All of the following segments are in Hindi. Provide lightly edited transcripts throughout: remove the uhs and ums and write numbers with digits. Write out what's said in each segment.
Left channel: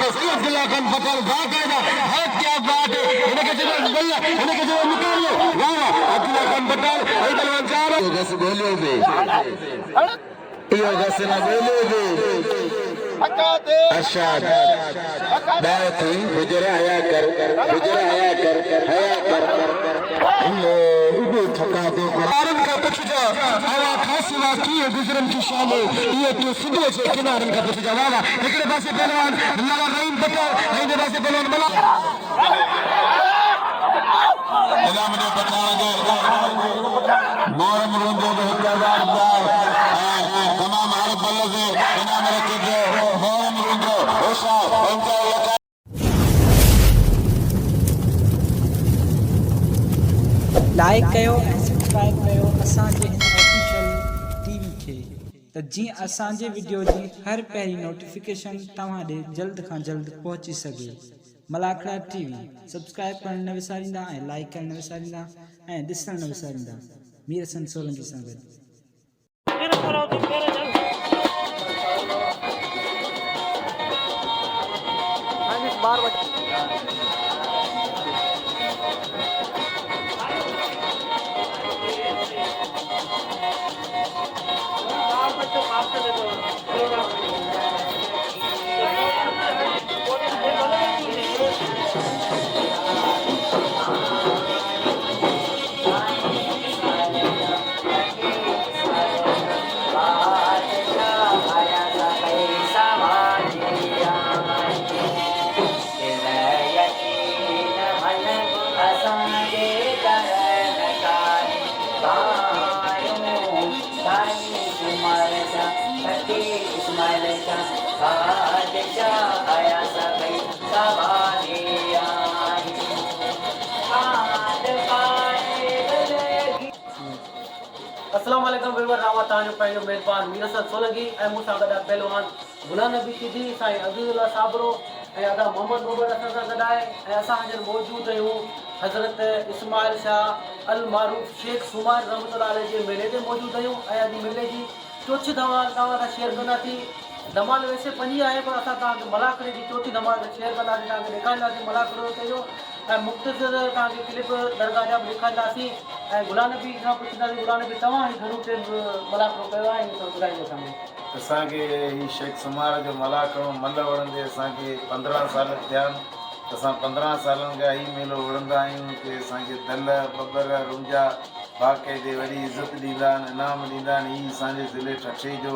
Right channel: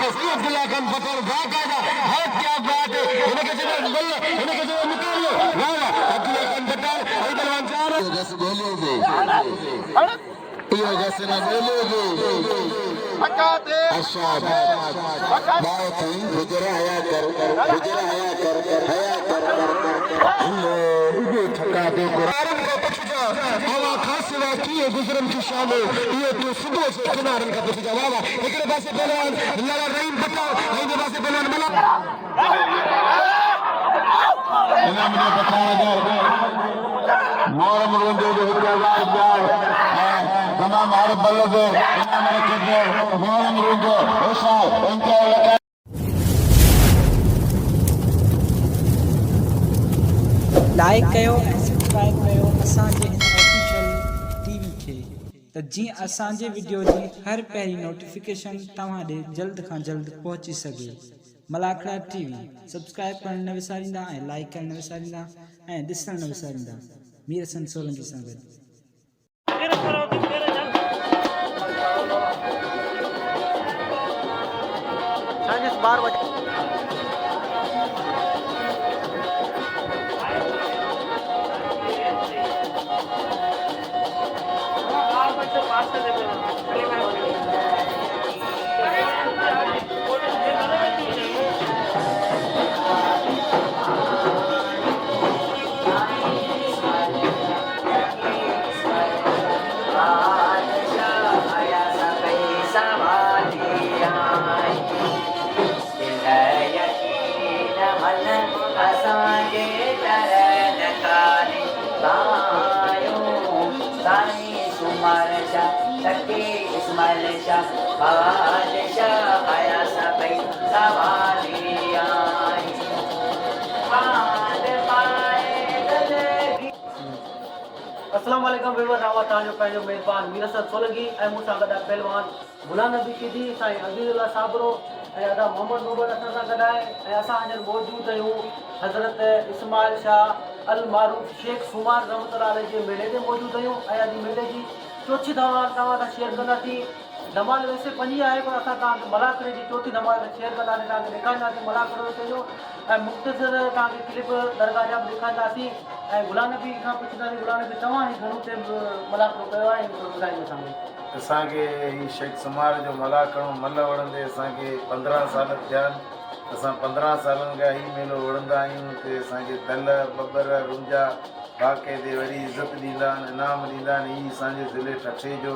अब्दुल्ला खान पटेल बाकायदा है क्या बात है इनके जो निकाल लो अब्दुल्ला खान पटेल इधर अंजार बस बोलिए भी ये बस ना बोलिए अच्छा बात ही गुजरा आया कर इधर थका दे कारण का पछुजा हवा खासवा की गुजरन की शाम ये तो सुबह से किनारन का पछुजा वाला एकड़े पासे पहलवान लाला रहीम पटेल इधर पासे पहलवान बना इनाम ने बताया मोरम रोंदे जो हजार जाए तमाम हर बल्ले से इनाम ने कीजिए मोरम रोंदे ऐसा इनका लाइक कयो ऐं सब्सक्राइब कयो असांजे हिन ऑफिशियल टीवी खे त जीअं असांजे वीडियो जी हर पहिरीं नोटिफिकेशन तव्हां ॾे जल्द खां जल्द पहुची सघे। मलाखड़ा टीवी सब्सक्राइब करणु न विसारींदा ऐं लाइक करणु न विसारींदा ऐं ॾिसणु न विसारींदा। मीर हसन सोलंकी सां गॾु। अस्सलाम वालेकुम वीवर रावा ताजो पंहिंजो मेज़बान मीर हसन सोलंकी ऐं मूंसां गॾु आहे पहलवान गुलाम नबी सिद्धी साईं अज़ीज़ुल्लाह साबरो ऐं अदा मोहम्मद मोहम्मद असां सां गॾु आहे ऐं असां हींअर मौजूदु आहियूं हज़रत इस्माइल शाह अल मारूफ शेख सुमार रहमतुल्लाह अलैह जे मेले ते मौजूदु आहियूं ऐं अॼु मेले जी चोथी धमाल तव्हां सां शेयर कंदासीं। धमाल वैसे 5 आहे पर असां तव्हांखे मलाखड़े जी चोथी धमाल शेयर कंदासीं, तव्हांखे ॾेखारींदासीं मलाखड़ो ते जो ऐं मुख़्तसिर तव्हांखे क्लिप दरगाह जा बि ॾेखारींदासीं ऐं गुलाम नबी खां पुछंदासीं गुलाम नबी तव्हां ही घणो टाइम मलाखड़ो कयो आहे त ॿुधाईंदो असांखे ही शेख सुमार जो मलाखड़ो मल वणंदे असांखे 15 साल थिया आहिनि। असां 15 सालनि खां ही मेलो वणंदा आहियूं कि असांखे दल बबर रुंजा बाक़ाइदे वॾी इज़त ॾींदा आहिनि, इनाम ॾींदा आहिनि। हीउ असांजे ज़िले ठठे जो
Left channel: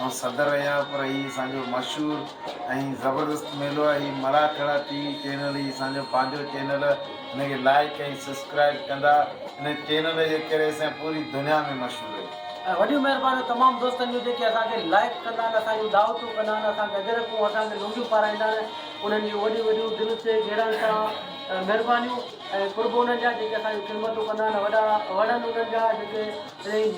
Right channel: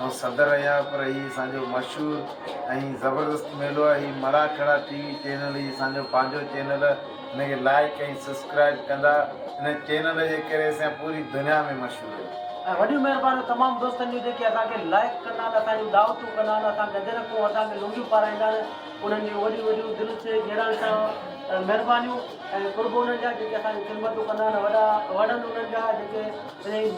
ऐं सदर आहियां पर हीउ असांजो मशहूरु ऐं ज़बरदस्त मेलो आहे। हीउ मलाखड़ा टीवी चैनल ही असांजो पंहिंजो चैनल, हिनखे लाइक ऐं सब्सक्राइब कंदा। हिन चैनल जे करे असां पूरी दुनिया में मशहूरु आहियूं। ऐं वॾियूं महिरबानी तमामु दोस्तनि जूं जेके असांखे लाइक कंदा आहिनि, असांजूं दावतूं कंदा आहिनि, असांखे गजर पोइ असांखे लुंगियूं पाराईंदा आहिनि, उन्हनि जूं वॾियूं वॾियूं दिलि से घेरण सां महिरबानियूं ऐं कुर्ब उन्हनि जा जेके असांजी ख़िदमतूं कंदा आहिनि। वॾनि उन्हनि जा जेके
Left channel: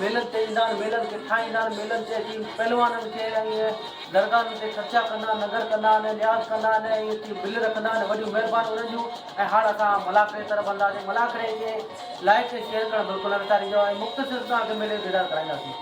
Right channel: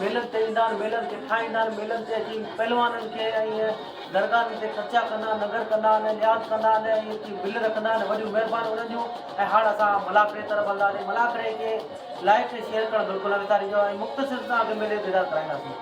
मेलनि ते ईंदा आहिनि, मेलनि खे ठाहींदा आहिनि, मेलनि ते अची पहलवाननि खे ऐं दरगाहनि ते ख़र्चा कंदा आहिनि, नगर कंदा आहिनि, न्याज़ कंदा आहिनि ऐं बिल रखंदा आहिनि। वॾियूं महिरबानी उन्हनि जूं। ऐं हाणे असां मलाखड़े तरफ़ हलंदासीं। मलाखड़े खे लाइक ऐं शेयर करणु बिल्कुलु न विसारिजो ऐं मुख़्तसिर तव्हांखे मेले दीदार कराईंदासीं।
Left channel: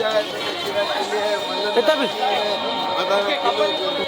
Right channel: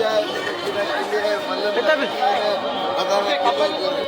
जाए कितना भी आधा में kilo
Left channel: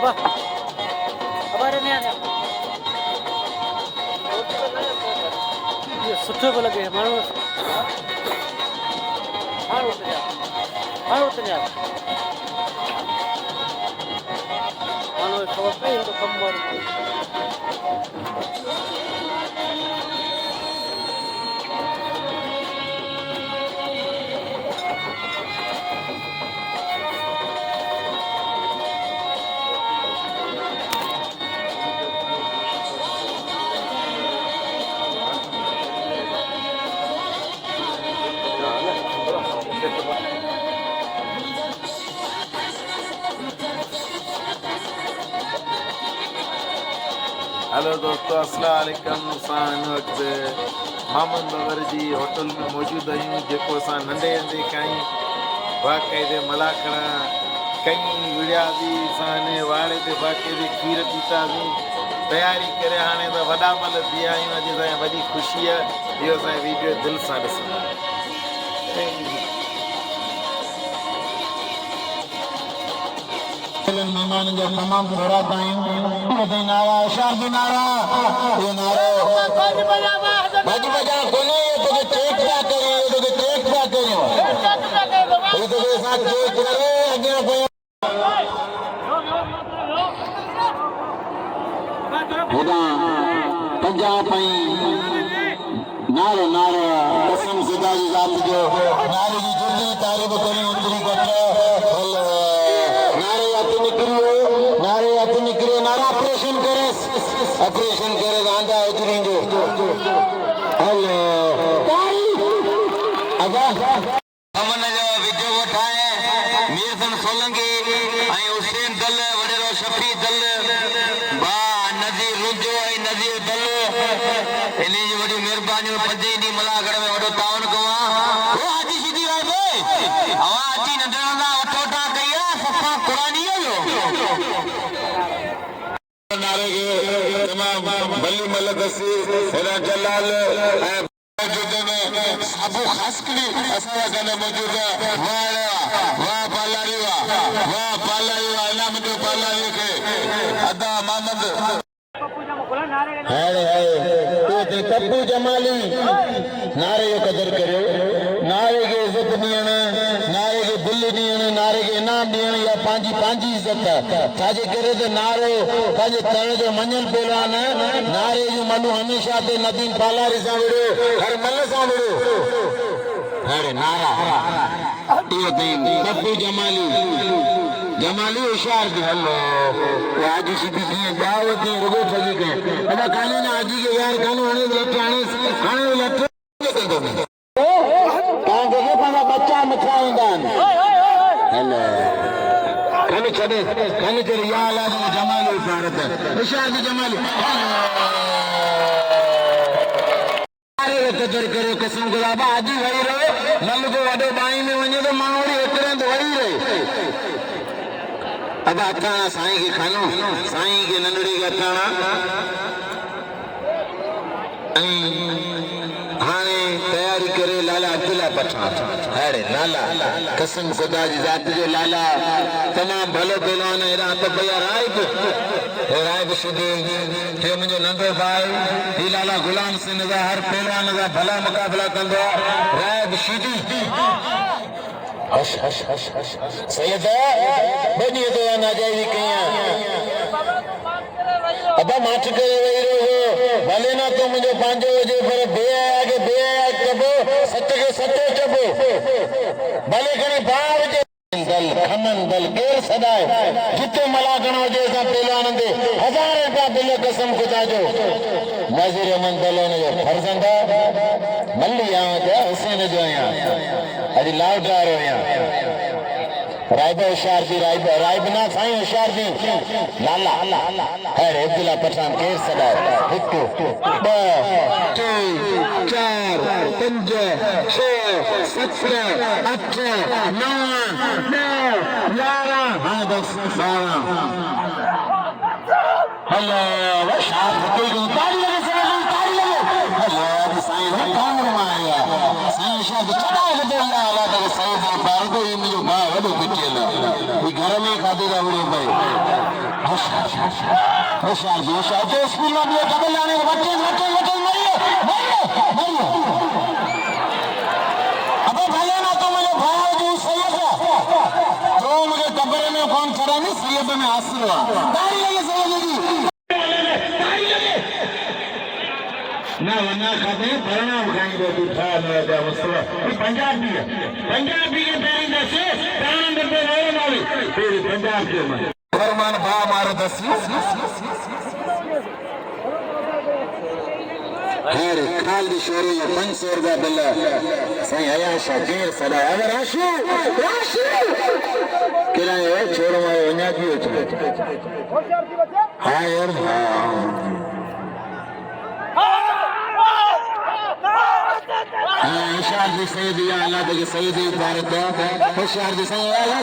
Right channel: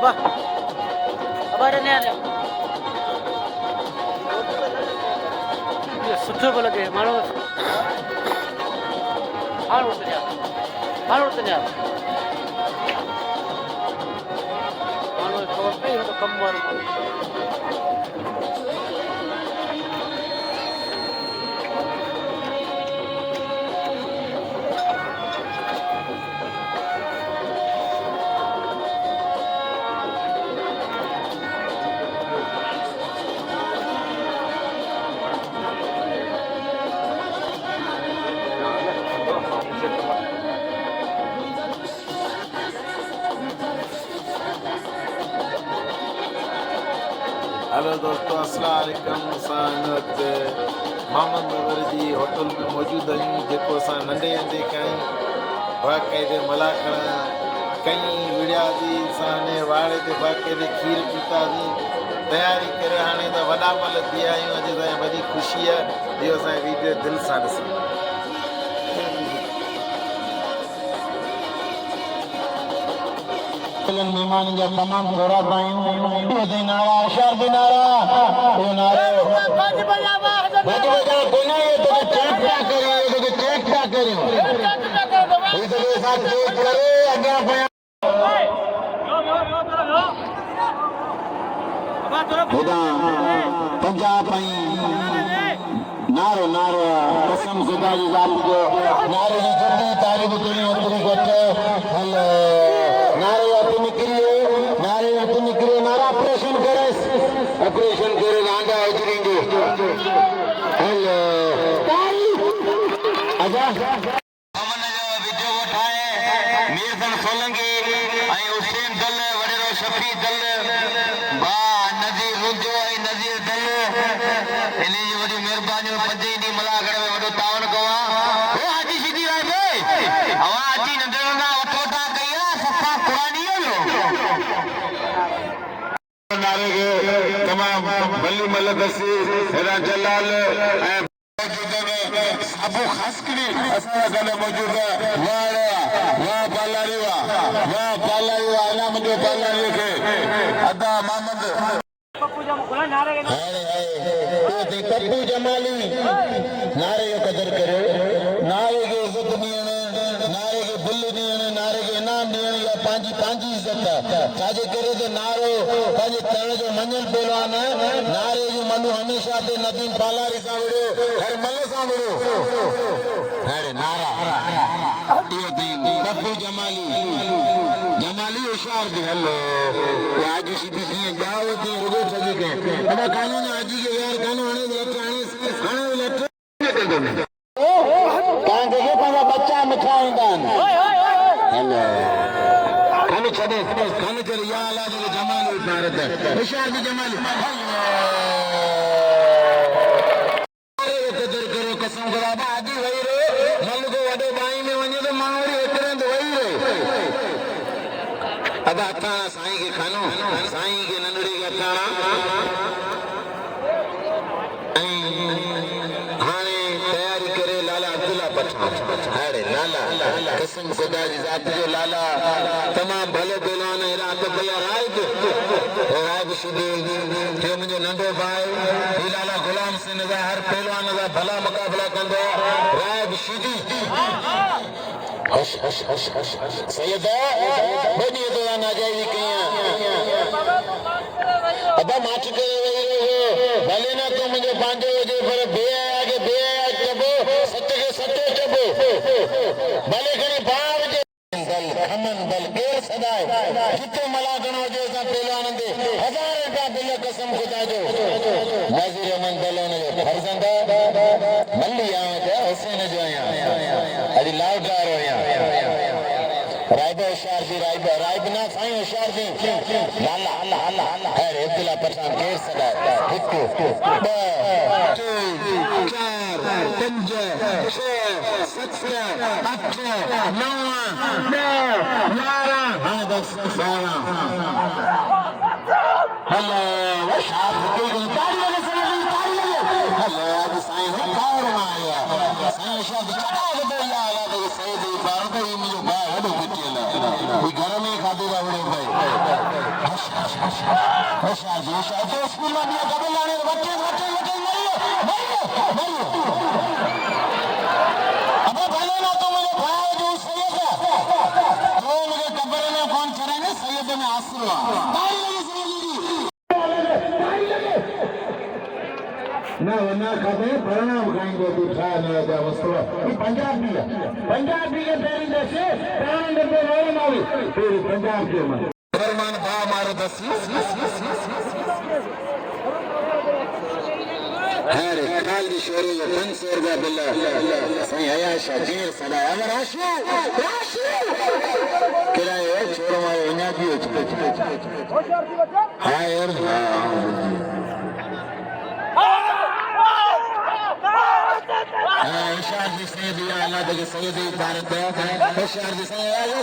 Apa? Apa ada ni ada? ये सुठो पियो लॻे माण्हू हाणे उतरिया हाणे ख़बर पई तो कमु वारो माण्हू हेलो दोस्तों अस्सलाम वालेकुम। असां हिन वक़्तु मोहम्मद बबर जी होटल में मौजूदु आहियूं जेको असां नंढे हूंदे खां ई बाक़ाइदे मला खणण कई विड़ियासीं। असां हिन वाड़े ते बाक़ाइदे खीर पीतासीं तयारी करे हाणे त वॾा मल थी विया आहियूं। अॼु असांजी वॾी ख़ुशी आहे इहो असांजी वीडियो दिलि सां ॾिसूं। मेहमान जा तमाम घोड़ा पायूं नारा शादी नारा ये नारा बज बजा कोने ये तो चेक क्या करियो ये तो चेक क्या करियो ये तो ऐसा चेक करे आगे कोई खुदा पंजाब पई नारो नारो कसम खुदा की जात जो नारे की जुर्दी तारीफ करे अंदर को हेलो नारे निकलो नारा ऑपरेशन करे गांडा उतरेंगे हेलो आजा अमन जो वीडियो उठाए मीरसन सोलंकी आई हुसैन दल वडेरो शफी दल बा नजीर रुजो आई नजीर दल इनी जी वडी मेहरबानी पंजे दी मलागढ़ में वडो तावन कवा ए हाजी सीधी आए भाई हवा हाजी नंदना उठोटा कया सफा कुरानी जो नारे के तमाम गली मलक से हेरा जलाल मौजूद में अबू खासकरी असा गले मौजूद वाह पालारिया इनाम के पालारी के अदा मोहम्मद हाय तो पप्पू जमाली नारे की कदर करो नारे की इज्जत दियण नारे की दिल दियण नारे के इनाम दियण या पांजी इज्जत छाजे करे तो नारो पंहिंजे तण जो मञल पहलवान नारे जो मनु हमेशा ते नदीम पालारी सां विड़ो हर मल सां विड़ो अरे नारा इहो पप्पू जमाली होशियार जो हलो आज सीधी सी दावत रुगो सजी के अदा कानून आज के यार कानून हणे लट पंहिंजा बच्चा मिठा हूंदा आहिनि हेलो छॾे या अला जो जमाल भारत होशियार जी जमाल कदर करो कसम खुदा अॼु वही रहे मल को वॾो बाई में वञे तो माण्हू एतिरो तो वही रहे अदा अखाणा साईं खे खानो साईं खे नंढड़ी खे अखाणा हाणे तयारी करे लाला अब्दुल्ला पठान हाणे लाला कसम खुदा जी ज़ात जो लाला तमाम भलो पहलवान हेड़ा तो भैया राय शुद्ध थे मुझे नंढो भाई ही लाला गुलाम सिंह जा हर पहलवान जा भला मुकाबला कंदो राय शुद्ध हश हश हश हश सैयदा बनी तो नाजायज़ी कया अबा माच करे वही भले पंहिंजो हुजे पर बेआगे चबो सच खे सचो चबो भले करे भाउ हुजे दल खमन दल केर सदाए जिते मलाकण हुजे असां पहलवाननि ते 1000 रुपया बिल कसम खुदा जो नाज़िर अहमद दलोन जो फर्ज़ंद मल्ली आहियां हुसैन जो आहियां अॼु लाउदार आहियां राइब होशियार जी राइब ना साईं होशियार जी लाला खैर अब्दुल्ला पठान केर सदाए 1 2 3 4 5 6 7 8 9 11 हाँ 10 12 हेलो शाह ताली लगे ताली लगे हेलो आज साईं ने कांगड़ में आया साईं शाह चढ़ा के बोला वाला तो साईं दे पार तो ये मुझे भाई वडो पिटेला कोई घर में खाते दा वडो भाई होशियार तो स्कूल में भी डबल लाने बच्चे मरियो अब भले ना तो मुझे भाई जो सैयद है तो मुझे कब्र में कौन खड़ा नहीं सैयद में आसरा ताली लगे सैयद जी ना वरना खाते परिणाम खाएंगे तू था ना जा मसला ये पंजाबी के पेरी दसे प्राण बंदे वाले नावी फिर पंजाब के में फरमान बा मारो दसी खैर खाल दी शोरी 500 रुपया बिल्ला सही आया शाजीर सदा अगर आशु किराए छोड़ मारो वन्या पियो हां यार होशियार जी सैयद या अल्लाह के सैयद भारत होशियार जी सैयद अल्लाह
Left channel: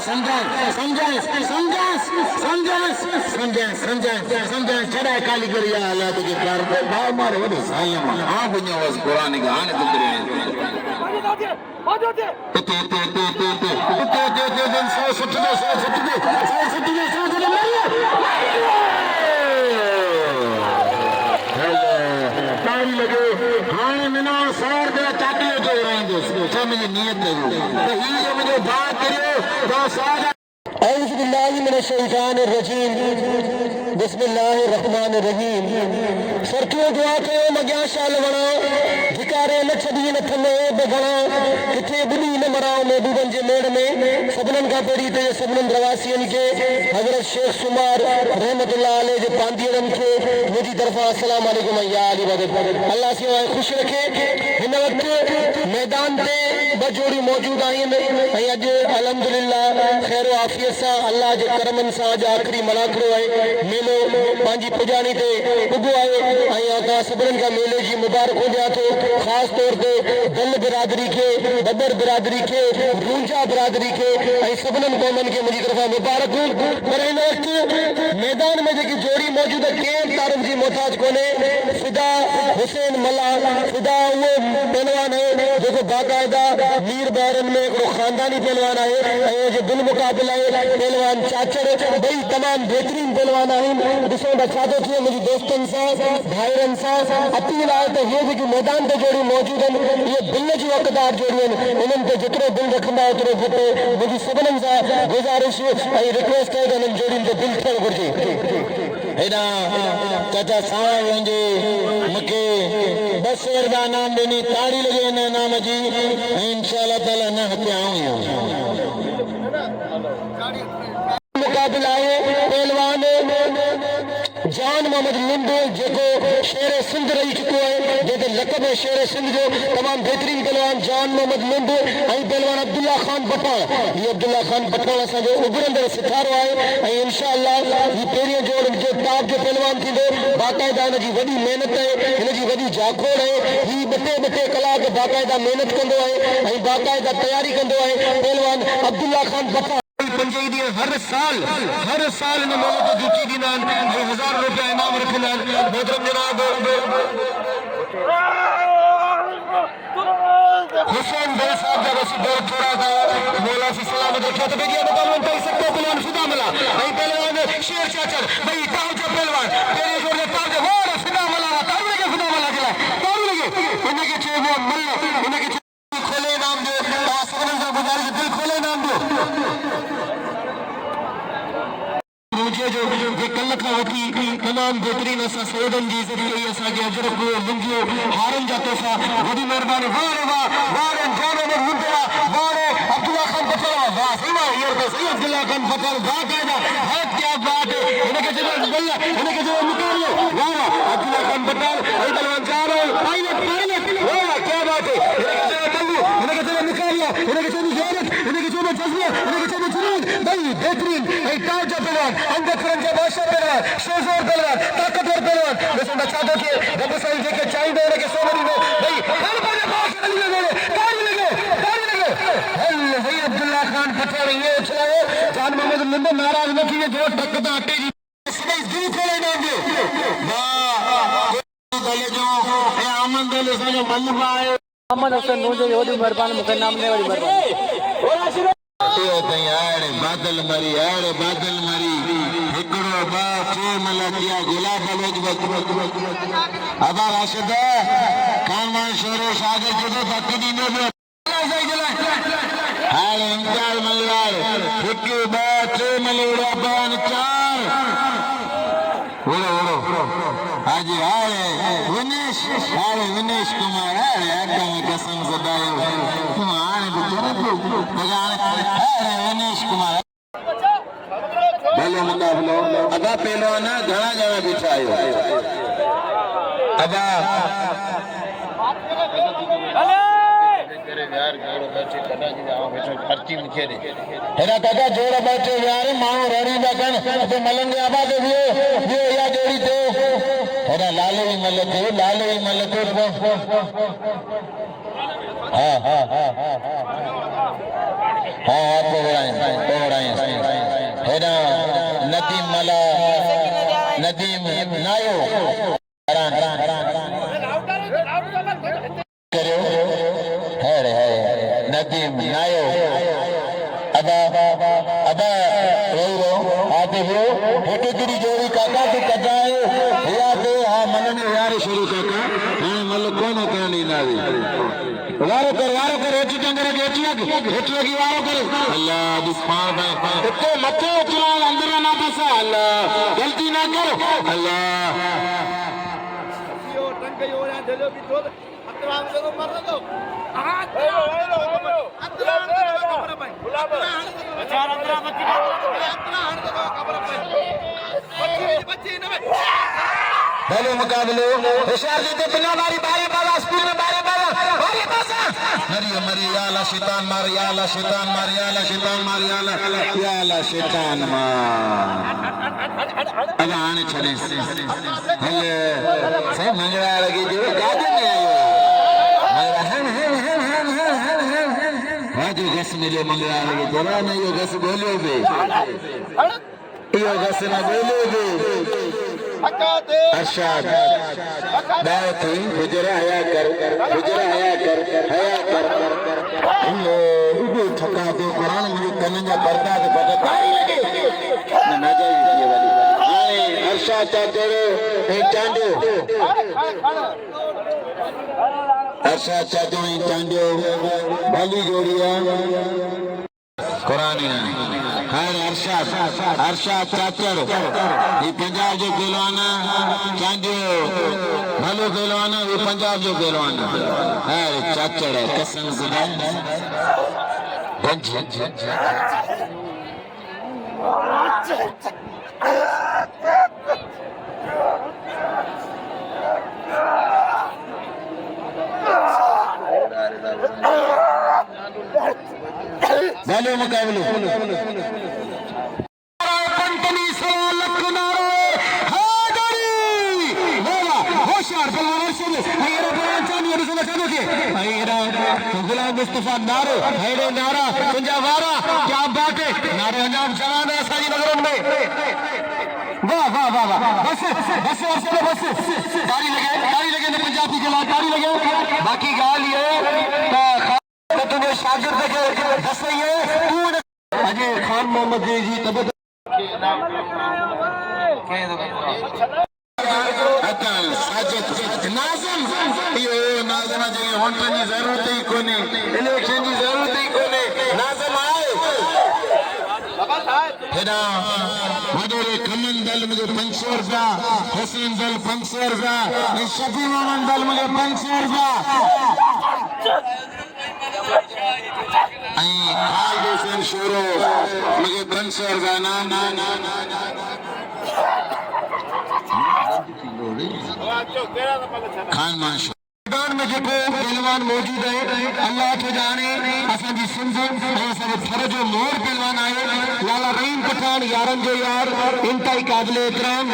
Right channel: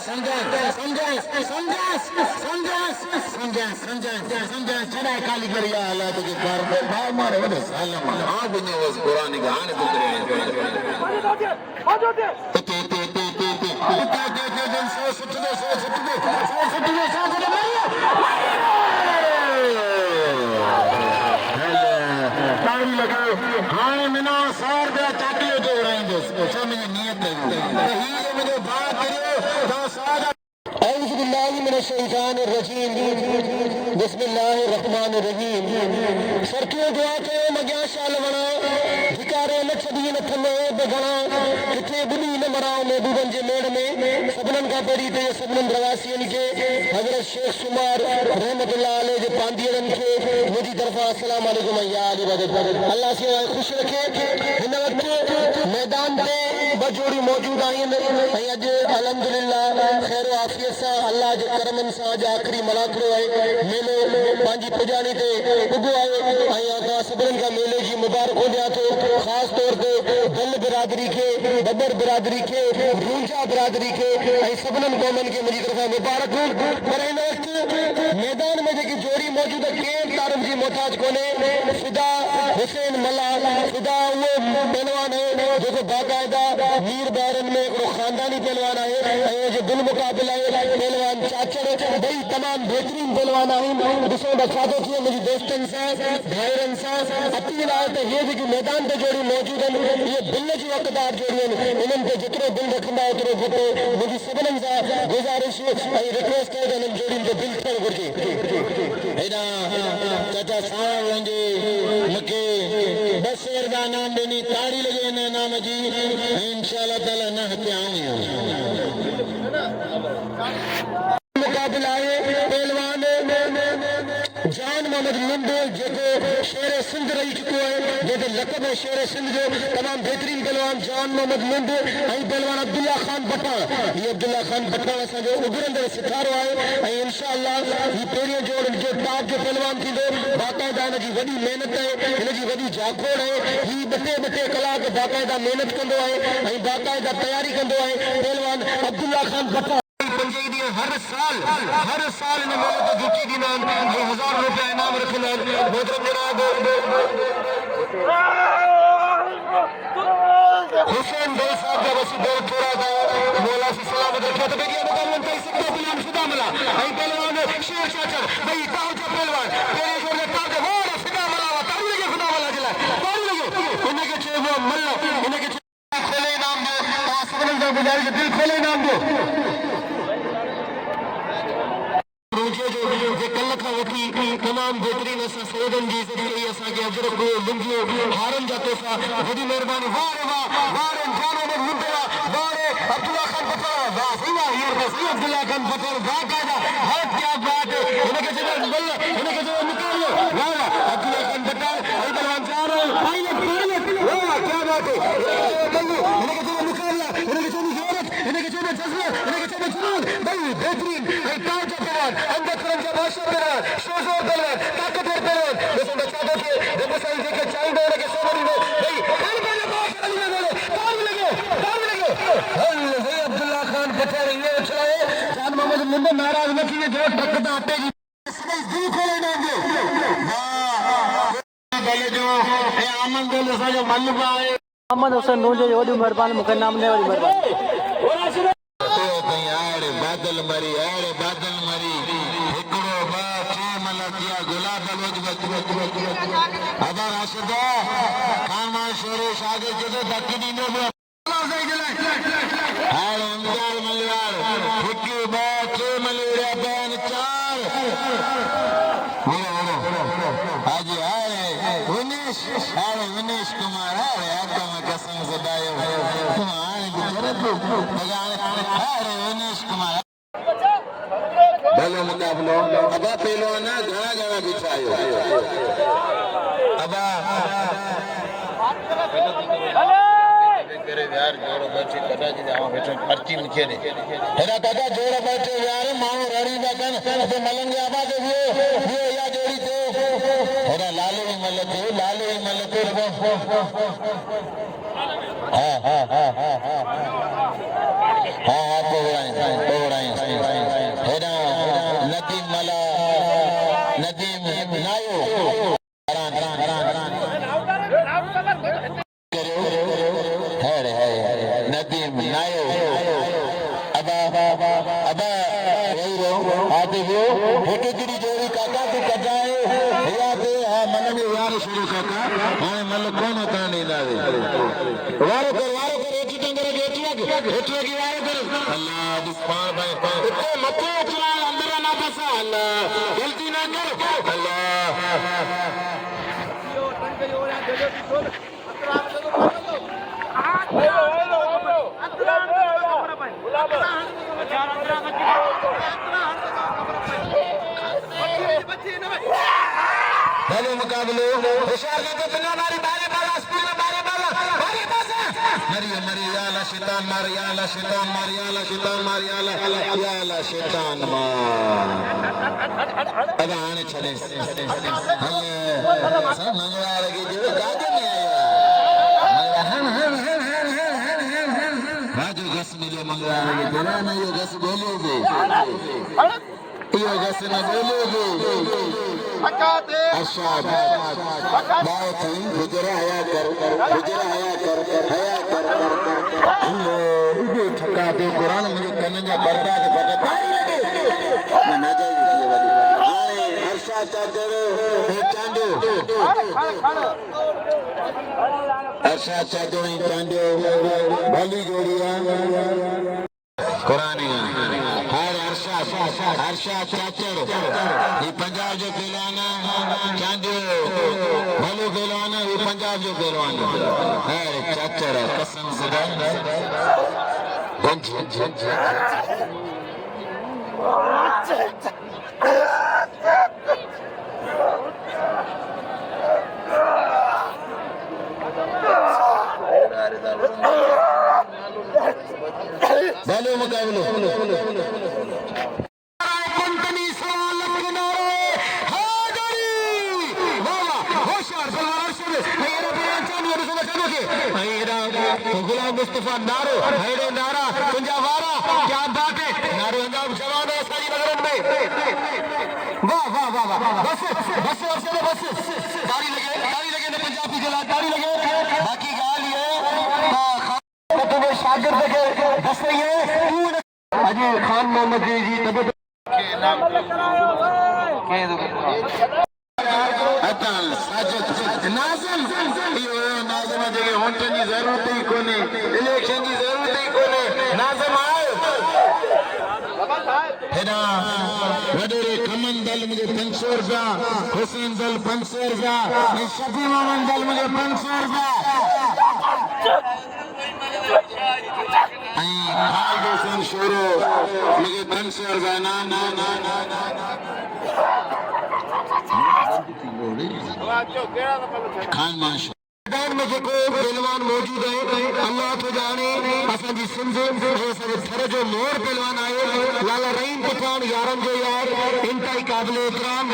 समझा चढ़े काली कर या अल्लाह के भारत भाव मारे ने सालम हां दुनिया वस कुरान के आने गुजरे बिस्मिल्लाहिर्रहमानिर्रहीम सरकियों दुआ कयो मगिया शाल वणा भिकारे न छदी न थने बगणा किथे बुनी न मराओ महबूबन जे मेड़ में सबनन का पेरी ते सबनन प्रवासियन के हजरत शेख सुमार रहमतुल्लाह अलैह जे पांदियन के मुजी तरफा अस्सलाम वालेकुम या अली वदद अल्लाह से खुश रखे इन वक्त मैदान पे बजोड़ी मौजूद आइन अज अल्हम्दुलिल्लाह खैर आफियत सा अल्लाह जे करमन सा आज आखिरी मलाकड़ो है मेलो पांजी पुजानी ते उगो आए आका सबरन का मेले जी मुबारक हो गया तो खास तौर पे दल बिरादरी के बबर बिरादरी के रूंजा बिरादरी के सबनन कौमन के मुझी तरफा मुबारक पर इन वक्त मैदान में जेकी जोड़ी मौजूद है केर तारुफ जी मोहताज कोने फिदा हुसैन मला फिदा वो पहलवान है देखो बाकायदा मीर बैरन में एक खानदानी पहलवान है जो दिल मुकाबला है पहलवान चाचड़ बई तमाम बेहतरीन पहलवान आहिन ॾिसो बचातो थिए मुंहिंजी दोस्तनि सां भाइरनि सां अपील आहे त इहे जेकी मैदान ते जोड़ियूं मौजूद आहिनि इहे दिल जूं हक़दार जोड़ियूं आहिनि इन्हनि ते जेतिरो दिलि रखंदा ओतिरो घटि मुंहिंजी सभिनीनि सां गुज़ारिश ऐं रिक्वेस्ट आहे त इन्हनि जोड़ियुनि ते दिलि थियणु घुरिजे हेॾां चाचा सां वञे मूंखे 10 रुपया इनाम ॾिनी ताड़ी लॻे हिन इनाम जी ऐं इंशाअल्लाह ताला न हथिया आहियूं मुकाबला है पहलवान जान मोहम्मद लुंडो जेको शेर सिंध रही चुको है जेके लक़ब है शेर सिंध जो तमाम बेहतरीन पहलवान जान मोहम्मद लुंडो और पहलवान अब्दुल्ला खान बट्टाण ये अब्दुल्ला खान बट्टाण असांजो उभरंदड़ सितारो है और इंशाअल्लाह ये पहिरियों जोड़ जो टॉप जो पहलवान थींदो बाकायदा हिनजी वॾी महिनत है हिनजी वॾी जागोड़ है ही ॿ टे कलाक बाकायदा महिनत कंदो है ऐं बाकायदा तयारी कंदो है पहलवान अब्दुल्ला खान बट्टाण हर साल इन मेले ते जीती ॾींदा आहिनि 1000 रुपया इनाम रखंदा आहिनि मोहतरम जनाब हुसैन दल साहब जा वसी दौर छोड़ा था मौला से सलामत रखे तो बेगिया पहलवान कई सकता पहलवान फिदा मला ऐं पहलवान शेर चाचर भई ताऊ जो पहलवान तेरे जोर ताऊ जो और फिदा मला ताऊ लगे फिदा मला के ताऊ लगे इनके चेबो मल्ला इनके खेले नाम दे सबन का गुजारिश दिल खेले नाम दे जो कल खां वठी तमामु तमाम बेहतरीन असा सौदन जी इज्जत कई असा के अजर को लिंजियो हारन जा तोहफा वडी मेहरबानी वाह वाह वाह जाने में मुंडा वाह अब्दुल्ला खान पटेल वाह सीमा यार को सही अब्दुल्ला खान पटेल वाह कायदा बहुत क्या बात है इनके जो बल्ला इनके जो निकाल लो वाह अब्दुल्ला खान पटेल आई बलवान जा रहे पायलट वाह क्या बात है इनके जो निकाल लो इनके जो जोरत इनके जो जज्बा इनके जो जुनून भाई बेहतरीन एक ताज पहलवान अंगद खरंजा बादशाह पहलवान शेजोर पहलवान ताकतवर पहलवान जैसे बच्चा के रब साईं के चाइंदे के सोनरी में भाई हर बार पास ताली लगे हल्ले भाई अब्दुल्ला खान पटेल ये उछलाए जान मोहम्मद लिंबे नाराज न किए जो टकता आटे जी इसमें दिल खोले देंगे वाह गले जो ए आमन दल से जो मल्लिका है मोहम्मद हुसैन नूंजे ओडी मेहरबान मुके नाम ने वडी मेहरबान बादल मरी हिकड़ो बा टे मलकिया गुलाब अदा राशिदो खानदान शोरे शागे जदो तकनी में हाल इमदाद मलवार हिकड़ो बा टे मलुड़ा दान चार हाजी विनेश कुमार एकदम कसम सदायो विनेश कुमार पहले मुकाबलो अदा पहलवान घना घना बिछायो अदा तेरे यार जोड़ो बैठे कदा जी जाओ बैठे पर्ची मुझे दे हेरा काका जोड़ो बैठे यार मानो रड़ी बकन तो मलंगे आबा के ये या जोड़ी तो हेरा लाले मलते हाँ पोगड़ाई हेरा नदीम नायो नदीम नायो अबा रो आते हो फोटो गिरी जोड़ी काका तो कजाए या तो हाँ मन में यार शुरू काका हाँ मल कौन कहने नावे वारो कर एची टंगरे के एची की वारो कर अल्लाह बिस्पार तो लच्चे चला अंदर ना फंसा अल्लाह गलती ना कर अल्लाह पहले मुकाबले होशियार जी तो बिना बारी बाला स्कूल में बारी मरी याला शैतान मार याला शैतान मार अदा आने छड़े हेलो से मंगला लगी जो जादू नहीं आया जो गस मिले मंगला लगी बोला नहीं यो गस बोलो बे यो गस ना बोलो बे अशाद बात हुई गुजरा आया कर ये ठका दे कुरान मुझे कन्या पर्दा के बता मैं ना जाई ये वाली ये अरशद चाचड़े हे चांदो अरशद चाचड़े चांदो भली जोड़िया कुरान हर अरशद चाचड़ ये पंजाब जो पहलवान चांदो भलो पहलवान ये पंजाब जो पहलवान हर चाचड़ कसम खुदा गंज भलो मुकाबलो गुलाम मुस्तफा नारो हैरो नारा पंजाब वारा क्या बात है नारे अंजाम जवान है सारी नगरों में वाह बस गाड़ी लगे ने पंजाबी के गाड़ी लगे बाकी गाल ये तो तुम्हें शागिर्द के दस नहीं है तू अजय खान मोहम्मद जी तब नाज़िम ये नाज़िम जगह होने की जरूरत ही कोने इलेक्शन की जरूरत ही कोने नाज़िम आए हेॾा वॾोरे खमन दल मुझे 500 रुपया, हुसैन दल 500 रुपया, शफी मोहम्मद दल मुझे 500 रुपया, खालिद हुसैन शोरो मुझे 500 रुपया। ना ना ना ना ना खान माशा मैदान में जेको पहलवान मौजूद है अल्लाह तो जाने असांजी सिंध सब थर जो मोर पहलवान आए लाला रहीम पठान यारन जो यार इंतहाई काबिल एहतराम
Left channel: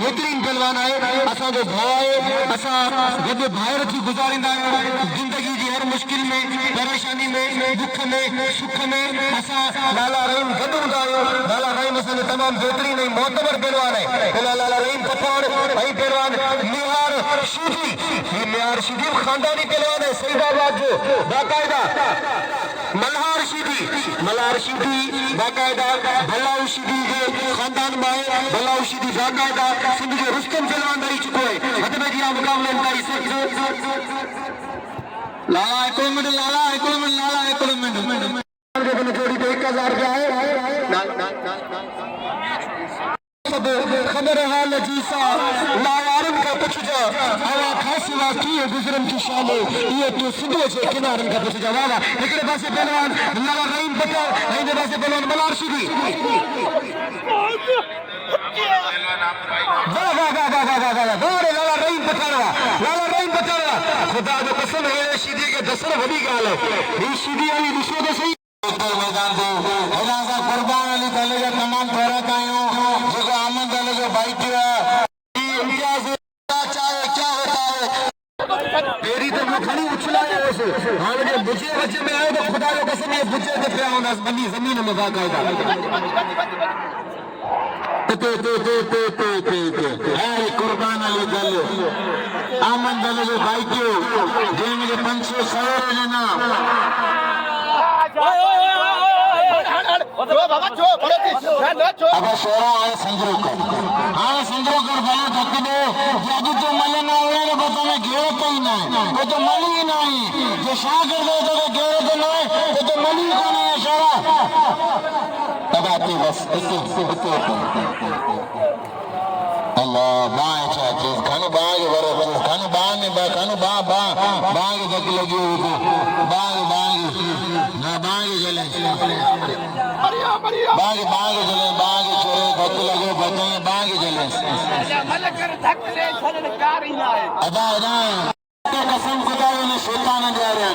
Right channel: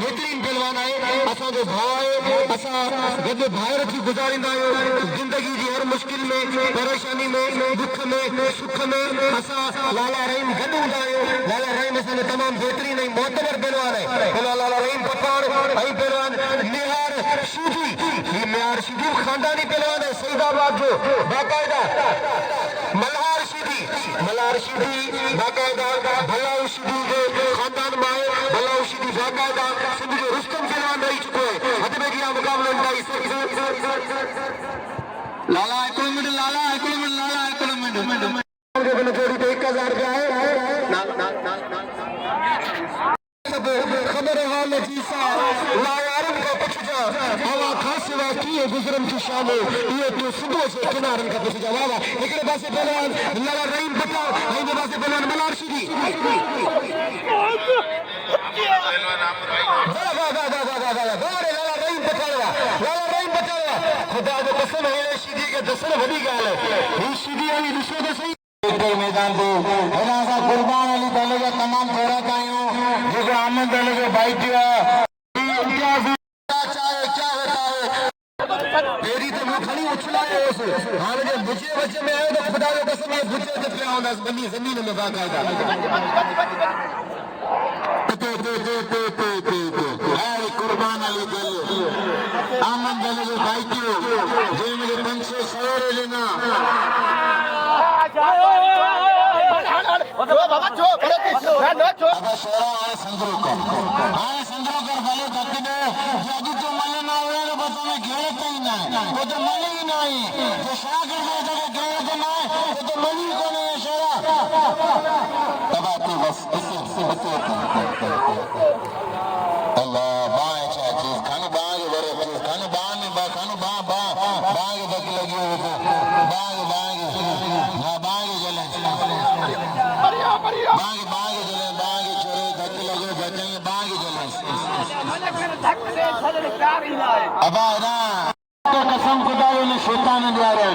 बेहतरीन पहलवान आए असांजो भाउ आहे। असां गॾु ॿाहिरि अची गुज़ारींदा आहियूं ज़िंदगी जी हर मुश्किल में परेशानी में दुख में सुख में असां लाला रहीम गॾु हूंदा आहियूं। लाला रहीम असांजो तमामु बेहतरीन ऐं मोतबर पहलवान आहे। लाला रहीम पठान ऐं पहलवान निहार शिदी शिदीब खानदानी पहलवान है सईदाबाद जो बाकायदा मल्हार शिदी बाकायदा भलाऊ शिदी के खानदान में है। भलाऊ शिदी बाकायदा सिंध जो रुस्तम पहलवान रही चुको है। हद में गिरा मुकाबले में लाला एक मिनट जोड़ी पे 1000 रुपया है। खबर हाल जीसा लायारन का पुछजा हवा फासला किए गुजरन की शाम ये तो सुबह से किनारन का पुछजा वाला एकरे पासे पहलवान लाला रहीम पता इनके पासे पहलवान मलार शिदी लाला रहीम पता खुदा जो कसम है शिदी के दसन बड़ी गाल है ये शिदी वाली दिशो तो सही मैदान दे हेना कुर्बान अली ताले का तमाम थोड़ा कायूं जिसे आनंद अली के भाई क्या होता है तेरी तो मुझे उछला है ऐसे हां जब बच्चे में आए तो खुदा को कसम है बच्चे के पे आऊंगा बंदी जमीन में मजाक आएगा ते अरे कुर्बान अली दल आनंद अली के भाई क्यों जो मुझे 500 सवार लेना संग्रोकर भलो थकिनो यदि तो मलना उड़े बता में घेर पई ना तो मली नहीं जे शागिर्द तो घेर दे नहीं तो मली को नहीं शोरा तबाती बस अल्लाह बाय चाची खाने बाग वरो खाने बाग ने खाने बाग तक लगी बाग ना बाग जले बाग जले बाग छोरे भक्त लगो भक्त बाग जले मलकर धक से छोरे चार ही आए अबा ना तो कसम खुदा ने शैतान द्वारा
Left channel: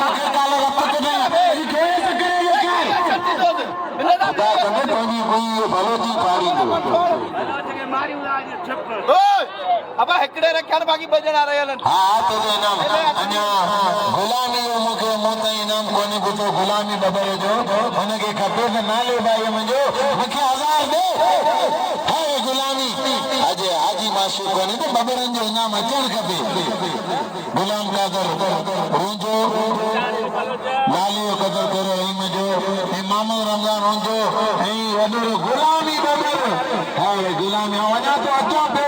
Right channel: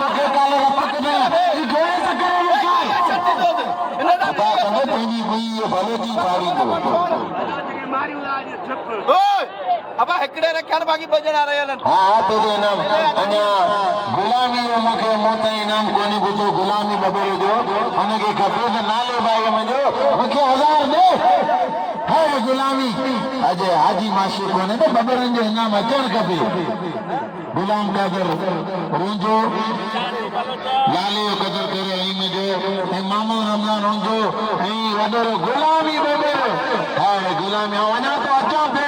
तो के काले रपट दे गोए तो करे ये क्या अबा कोई भलो थी पाड़ी दो मारी उदाज छप ओए अबा हेकड़े रखन बाकी बजन आ रहे हलन हां तो दे नाम अन्या गुलामी मुके मोते इनाम कोनी बुतो गुलामी बदल दो उनके खपे तो नाले भाई मुझे मुके 1000 दे हर गुलामी अजे हाजी माशी कोने तो बदरन जो इनाम अचन खपे गुलाम ने अगर रुंजो लाली कदर करे आई मुझे इमाम रमजान रुंजो नहीं वदर गुलामी बदल हां गुलामी वना तो अचो दे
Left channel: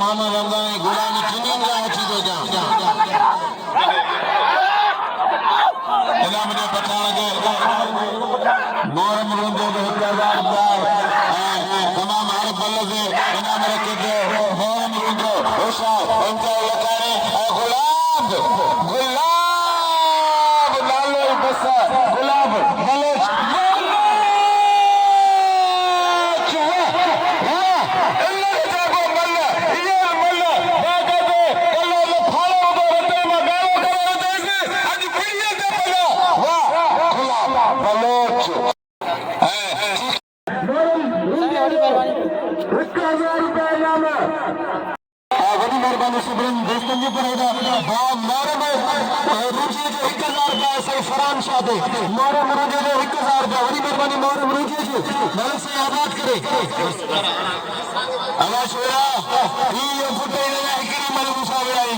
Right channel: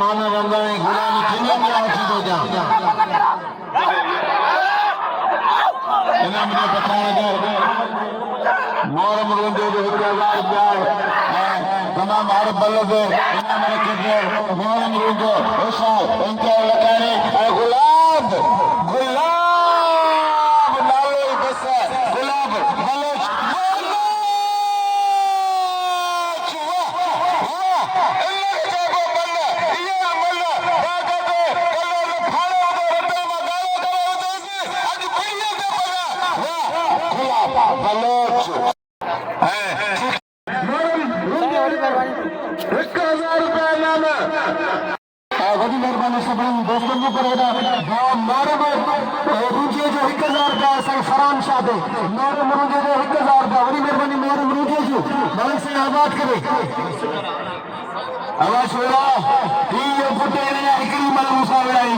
मामा रमजान गुलामी किने का अच्छी तो जा इनाम ने बताया मोरम रोंदो 1000 रुपया तमाम भारत बल्ले से इनाम रखिए मोरम रोंदो ऐसा इनका करे गुलाब लालो बस गुलाब बलोच वॾी महिरबानी सभिनी दोस्तनि जी करेगा मोरम रूजे जो 1000 रुपया साईं फरहान शाह दे मोरम रूजे जो 1000 रुपया वॾी महिरबानी मोरम रूजे जो मालिक साईं आबाद करे आवाज छोड़ा ये फुटे या हिकड़ी मल मूसा विड़ाई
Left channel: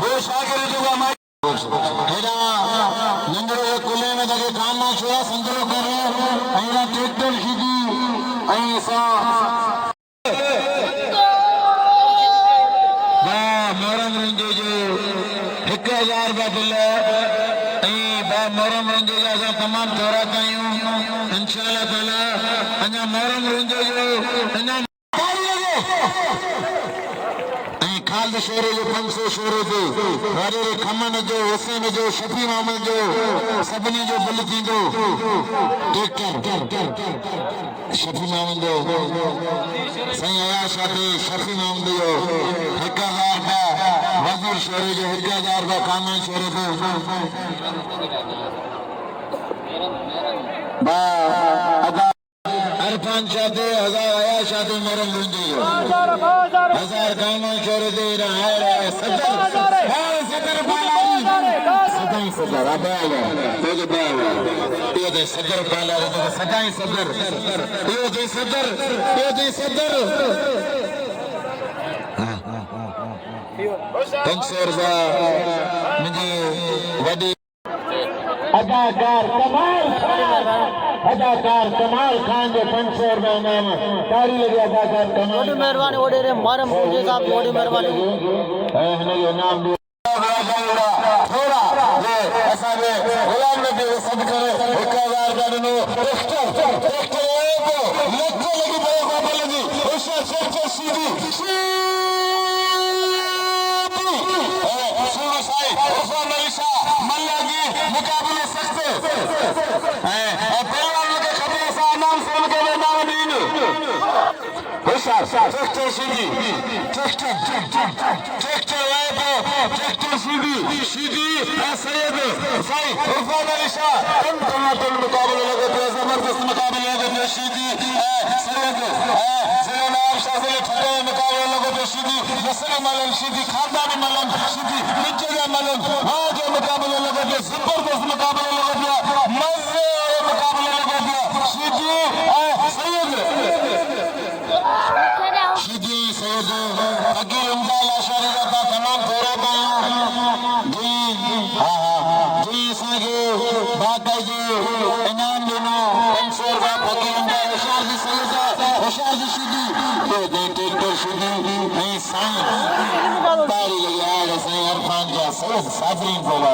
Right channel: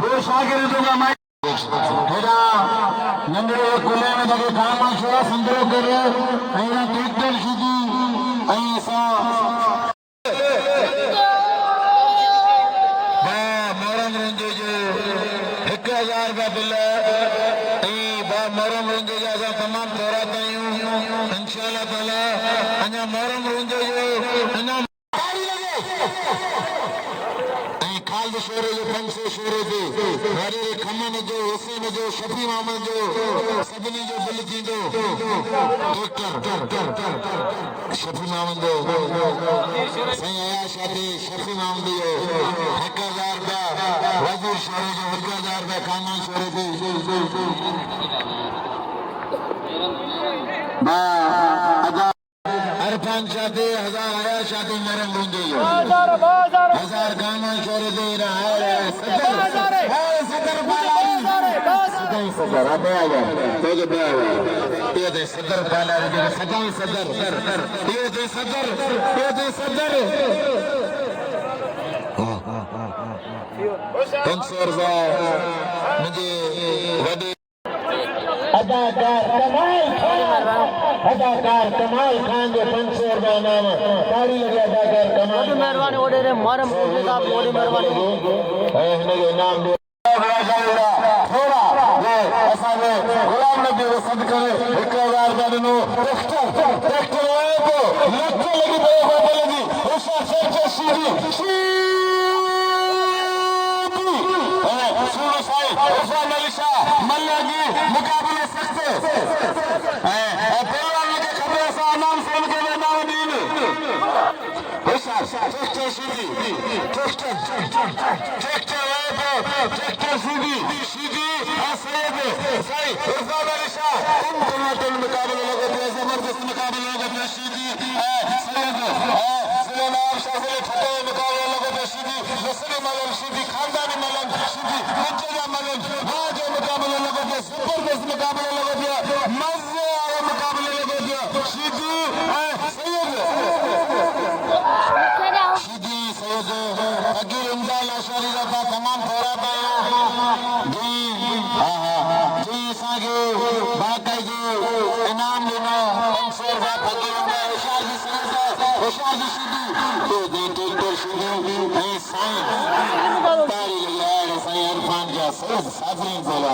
वो शागिर्द जो माई हेड़ा नंदरे कुले में लगे काम छोड़ा संदरो करे ऐना ट्रैक्टर सीधी ऐसा मोरम रुंजे जो 1000 रुपया बिल मोरम रुंजे जा तमाम थोड़ा कयूं इंशाअल्लाह खालिद शेरे जो 500 शेरे ते वारे खमन जो हुसैन जो शफी मोहम्मद जो सभिनी जो दिल थींदो ट्रैक्टर शफी मोहम्मद जो साईं आयाशा ते शफी मोहम्मद जो 1000 का वजूर शेरे जो 1000 का कामन शेरे ते अरफान शादी 1000 आया शादी मेरे मुंडी 1000 कामन शोरे दे रहा है सदर सदाई सदर आ गया तेरे दे ये दे सदर पहला रे सदाई सदर ये दे सदर हां 500 रुपया मुझे वडी अदाकार कमाल खान ने 500 रुपया में कारी लगे अदाकार कमाल वॾी महिरबानी ओॾे रे मारम मुंहिंजे साहब वॾी महिरबानी हिन जो नाम दे थोड़ा ये ऐसा में गुलाम नबी को सद करे 1000 का दिनो ट्रैक्टर को लक्ष्य लगी बाबा लगी उषा से सीधी सुनो साई इरफान अली शाह मल्लागी मुकाबले सख्ते पहलवानों के खबरों से नाम सुन के नाम दीन उषा ट्रैक्टर सीधी ट्रैक्टर सीधी सैयद साई इरफान अली शाह तुम मुकाबले लगे थे जबरदस्त मुकाबले लगे थे सीधी सैयद जिलेनार शाफिल फतेह मुकाबले लगे थे सीधी नसर मलन सीधी खानदानी मलन सीधी निचला मलन हाँ जो मुकाबले लगे थे जबरदस्त मुकाबले लगे थे मजे आए मुकाबले लगे थे सीधी सैयद सैयद अगीर इमदाद लाशारी का तमाम थोड़ा जी साजो बाका जी इनाम देना अंसर का फकीर इमदाद होशियार जी सैयद होशियार जी सीधी तो दे ट्रैक्टर सीधी नहीं साईं तारी यार साईं इरफान जा सैयद साबरीन बोला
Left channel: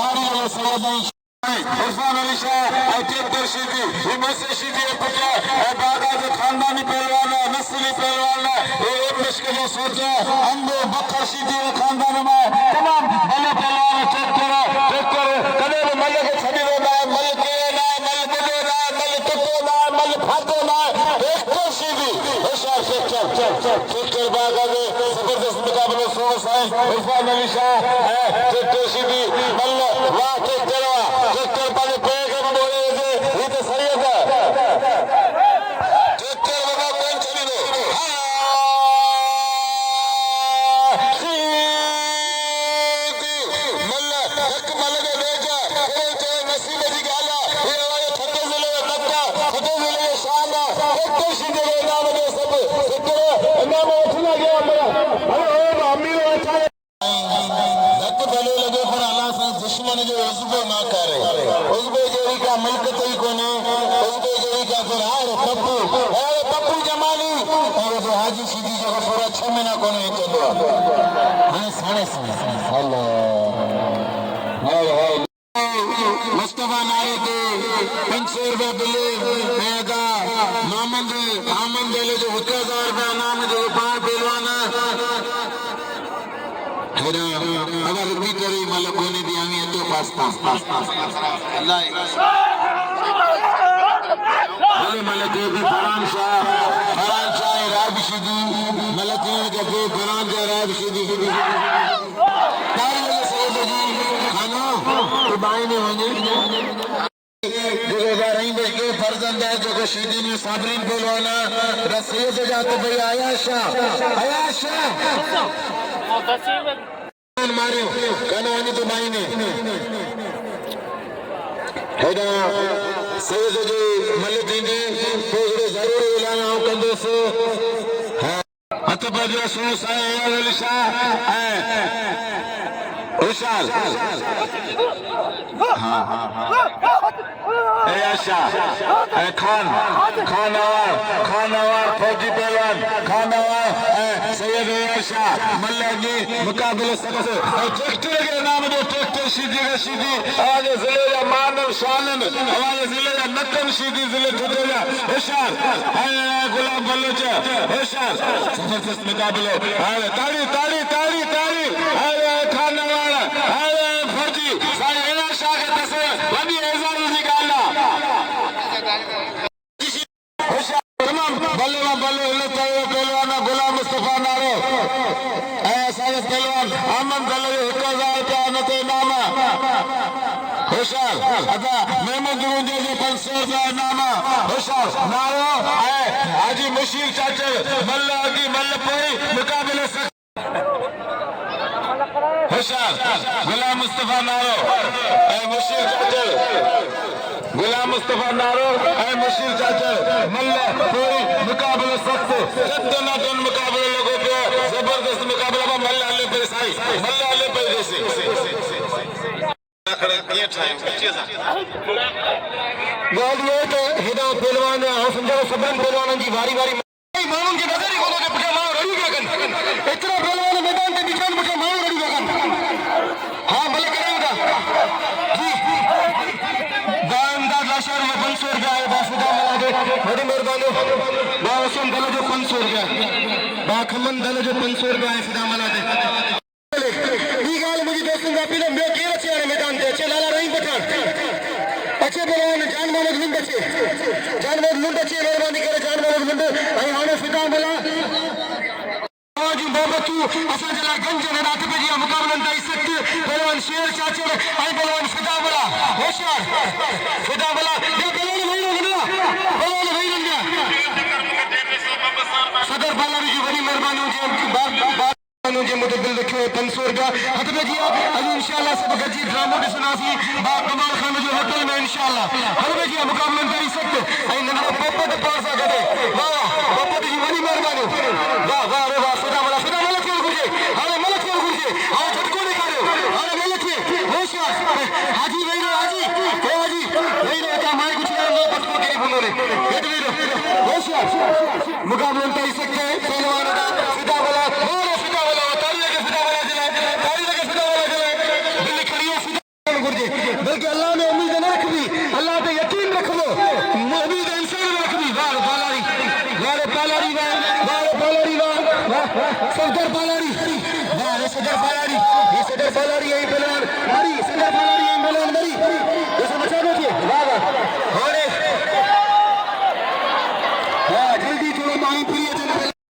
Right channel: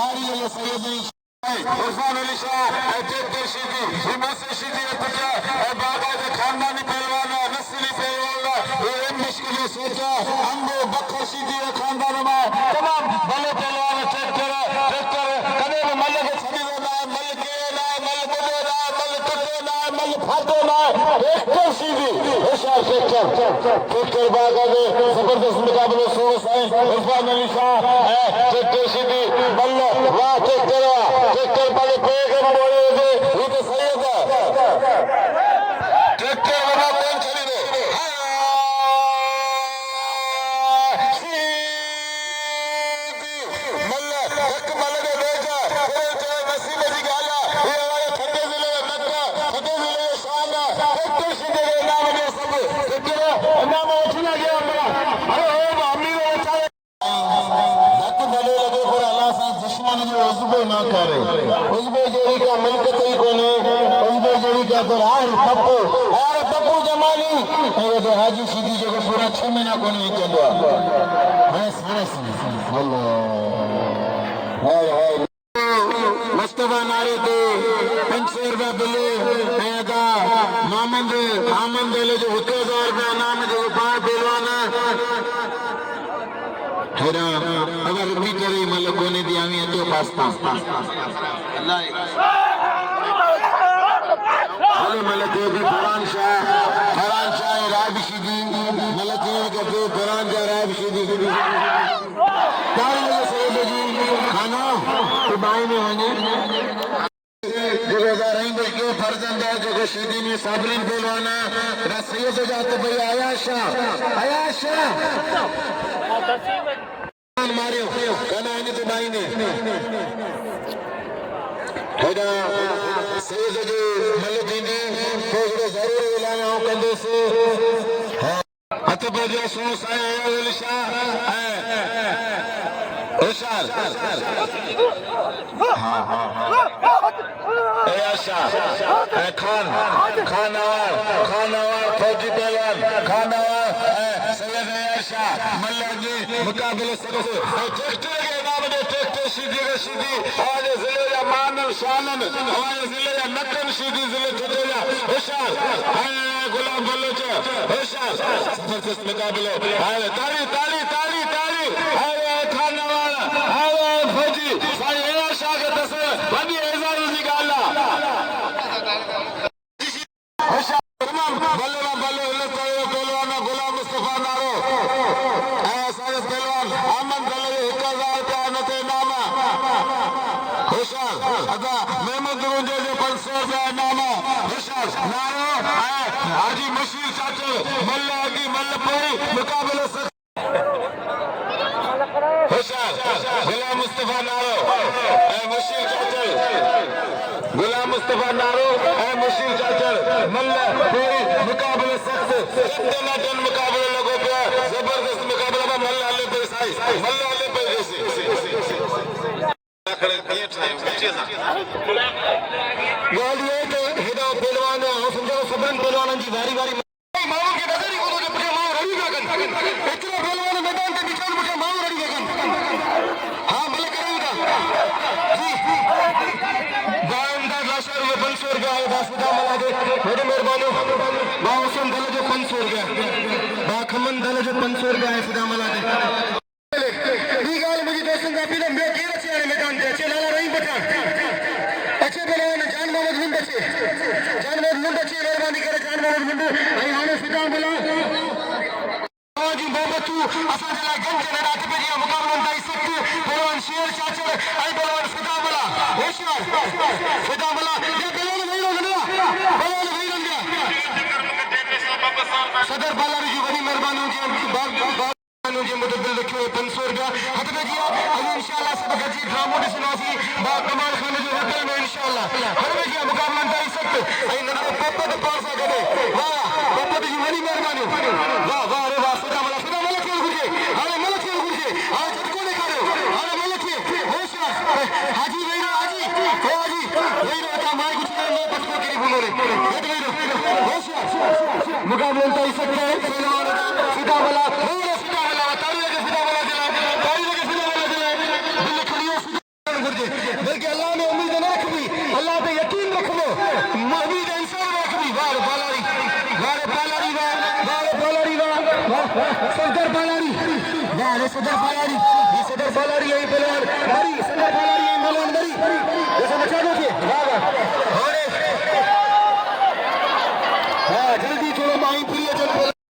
तारी ले सैयद इरफान अली शाह ट्रैक्टर सीधी मुझसे सीधी पुत्र और बाका जो खानदानी पहलवान नस्ली पहलवान मुश्किल सोचा अंगो बखर सीधी खानदान में तमाम भले पहलवान ट्रैक्टर कदे मल के छड़ी देना मल के ना मल बोले ना मल कटे ना मल फाटे ना ट्रैक्टर सीधी होशियार ट्रैक्टर बागा दे जबरदस्त मुकाबले सुनो साईं इरफान अली शाह ट्रैक्टर सीधी मल वाह ट्रैक्टर पर पैगम बोले दे ये तो सैयद ट्रैक्टर वाला कौन छड़ी दे हाजी सीधी जगह पूरा 6 महीना को नहीं चलो साढ़े मुस्तफा नारे थे 500 रुपया दिले मोहम्मद दिले जो 1000 रुपया नाम जो 5 पहलवान अगर मीटर मतलब कोने दिया तो पास्ता मतलब जो भी फरान शाह राब सीधी मतलब के फरान शाह राब सीधी खाना तो बाई नहीं होंगे जो फर्जंद है जो सीधी ने साबरीन बोलवाना रसैयद जाते भाई आयाशा मारियो कहना है तो बाई ने सैयद जी मलिक जी पोजड़े जरूर ऐलान हो कंदे से हथ पर जो सुनो साईं अली शाह इरशाद हां आयशा खानवार फौजी पहलवान खानवार सैयद आयशा मल्ला जी मुकाबले सबसे ट्रैक्टर के नाम जो ट्रैक्टर सीधी आज जिले का मानव शानन हमारे जिले का नकल सीधी जिले ठठोला इरशाद गुलाम बलोच इरशाद जबरदस्त मुकाबले ताली असांजो पहलवान अमन दल जो 1000 रुपया नते इनाम होशियार अदा महमूद रुंजे जो 500 रुपया इनाम होशियार नारो ऐं हाजी मुशीर चाचे मल्ल अगी मल्ल पोरी मुकाबले होशियार गुलाम मुस्तफा नारो ऐं मुशीर चाचे गुलाम मुस्तफा नारो ऐं मुशीर चाचे मल्ल पोरी मुकाबले सख्त टन मुकाबले लोगों पे जबरदस्त मुकाबला में मल्ल हले पे साई मल्ल हले पे जैसे गोल ये तो हेडो पहलवान हो समझो सबरन पहलवान की वारी वारी मामून के नजर ही को के पका मां रही गगन इतना पहलवान मैदान के बीच में पका मां रही गगन हां भले करेगा जी बांदा लाशर वो 500 रुपया है बासुदा मला के बड़ी मेहरबानी बावसन दल जो 500 रुपया बा खमन दल जो 500 रुपया है सुदा मला दे ई गाल मुझे दोस्तों का पीलो मैं के रचे मैदान के अच्छे लाला रहीम पठान अच्छे पहलवान जान मोहम्मद मुंडे मेहरबानी करे जान मोहम्मद मुंडे भाई हाने सुदा मला जी मोहब्बतू असन जला गंज में रात पे जी मुकाबला ताई सख्त पहलवान शेर चाचे आई पहलवान सुदा मला होशियार सुदा मला ये पहलवान नहीं रोकना पहलवान नहीं रोकना सदर बालारी की बड़ी मेहरबानी जी बात मुझे दिल रखे 500 रुपया हद में जी अभी इंशाल्लाह सब जी ड्रामो की सुनासी बा कमाल खान जो होटल में इंशाल्लाह हद में जी मुकाबला ताई सख्त आई नना पापा का पास आ गए वाह पापा की बड़ी मेहरबानी वाह वाह रे वाह सुदा मला छोड़ गुजे अरे मला छोड़ गुजे हां झटको नहीं करो अरे मला के होशियार हाजी भाई हाजी नहीं रे मैं कुछ नहीं पटको के बोलो रे होशियार मुकाबला ताई सख्त पहलवान सुदा मला बल्कि अल्लाह में उम्मीद न रखबी अल्लाह पे यकीन रखबो उम्मीद इंसान रखबी वाह पालारी सदर पालारी वाह रे सदर पालारी ये सदर पालारी यही पहलवान मरी सदर पालारी यही पहलवान मरी जैसे बचा दो जी वाह अरे हां जल्दी थोड़ा मालूम प्रिय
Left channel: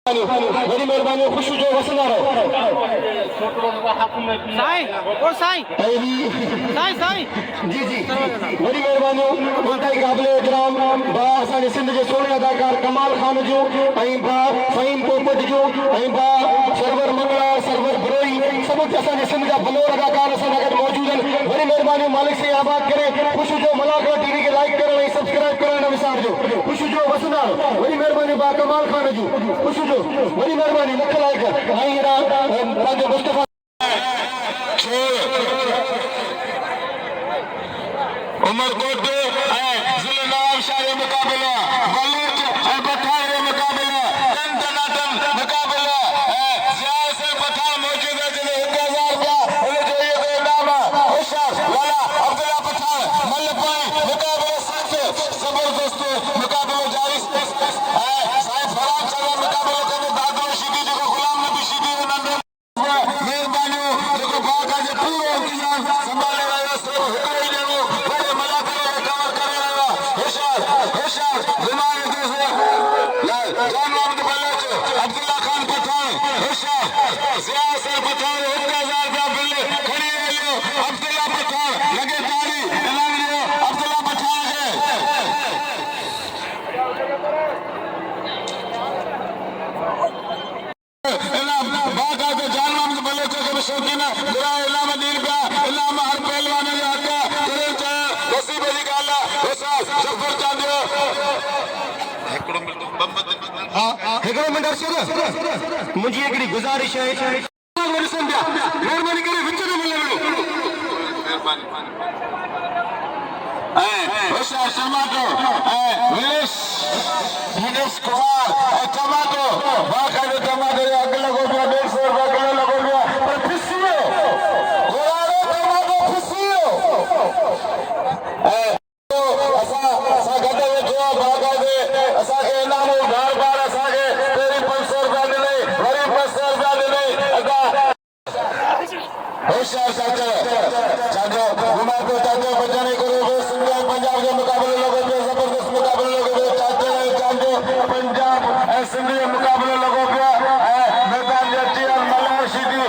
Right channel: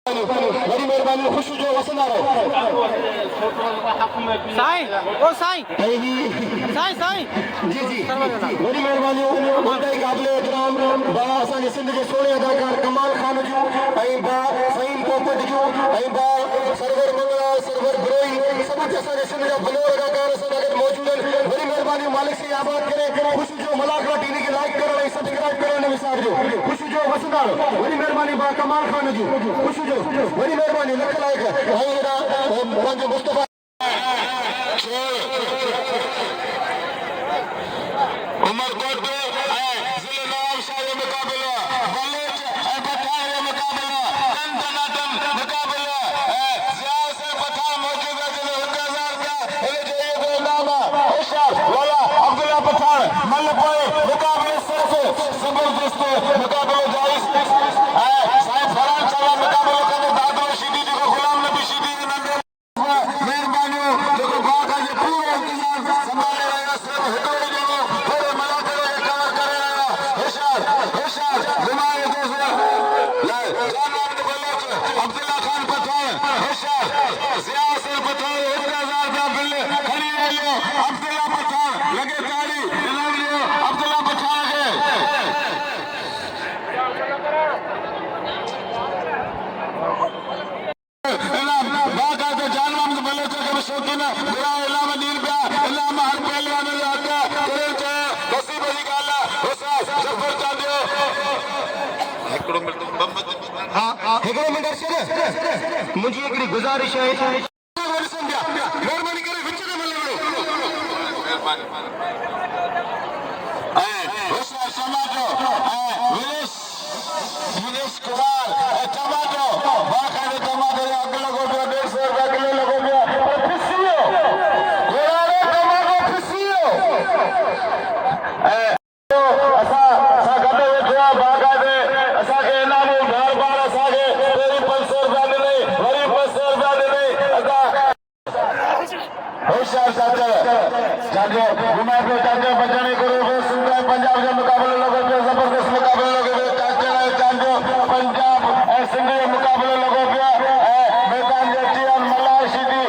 चलो बड़ी मेहरबानी खुश जो वसन आ रहे साईं ओ साईं जी बड़ी मेहरबानी माताई काबिल इकराम बा असांजे सिंध जे सोने अदाकार कमाल खान जो ऐं बा फहीम पोपट जो ऐं बा सरवर मंगला सरवर ब्रोई सब असांजे सिंध जा बलोर अदाकार असां गॾु मौजूद आहिनि बड़ी मेहरबानी मालिक से आबाद करे खुश जो मलाकड़ा टीवी के लाइक करण ऐं सब्सक्राइब करण न विसारजो खुश जो वसनाल बड़ी मेहरबानी बा कमाल खान जो खुश जो बड़ी मेहरबानी लख लाइक ऐं पंहिंजो मुस्तफा उमरकोट के जिले नवाब शाह के मुकाबला बलूच और पठान के मुकाबले टन मुकाबला सियाल से पठान मौजूद है जिन्हें 1000 रुपया उन्हें चाहिए तो इनाम होशियार लाला अब्दुल्ला पठान मल पाए मुकाबले सख्त जबरदस्त मुकाबले जायज साईं फरान चला मुकाबले करने दादो शीदी जो गुलाम नबी शीदी मेहरबानी जो बाका जो पूरा इंतजाम संभाले वाला सिर्फ हुक्म देनो बड़े मलाकड़े के काम करे वाला होशियार गुमाए दूसरा लाल जान अब्द बलोच अब्दुल्ला खान पठान होशियार सियाल से पठान 1000 रुपया बिल खड़ी वाले अब्दुल्ला पठान लगे ताली इनाम लियो अब्दुल्ला पठान के बाका के जान अब्द बलोच के शौकीन बुरा इलाम दीन का इलाम हर पहलवान ने आका करे चा नसीब जी का अल्लाह होशियार जफर चांदियो हिकड़ो मिनट अर्शद मुझे एकड़ी गुजारिश है मेहरबानी करे विच में मिलो होशियार टमाटो विनेश कुमार टमाटो बाका के टमाटो अगले को 150 रुपया किलो लगो गया और खुशियो गोरे टमाटो खुशियो असा गड्डे वेठो बाका दे असा के इनाम घर बार असा के तेरी 500 रुपया मिले वरी 500 रुपया मिले असा होशियार चाचा घुमाते चाचा बचाने करोगे सिंगल पंजाब के मुकाबले लोगों पे जबरदस्त मुकाबले लोगों चाचा चांदो पंजाब सिंगल मुकाबले लोगों पे मैदान जटिया मलार शीदी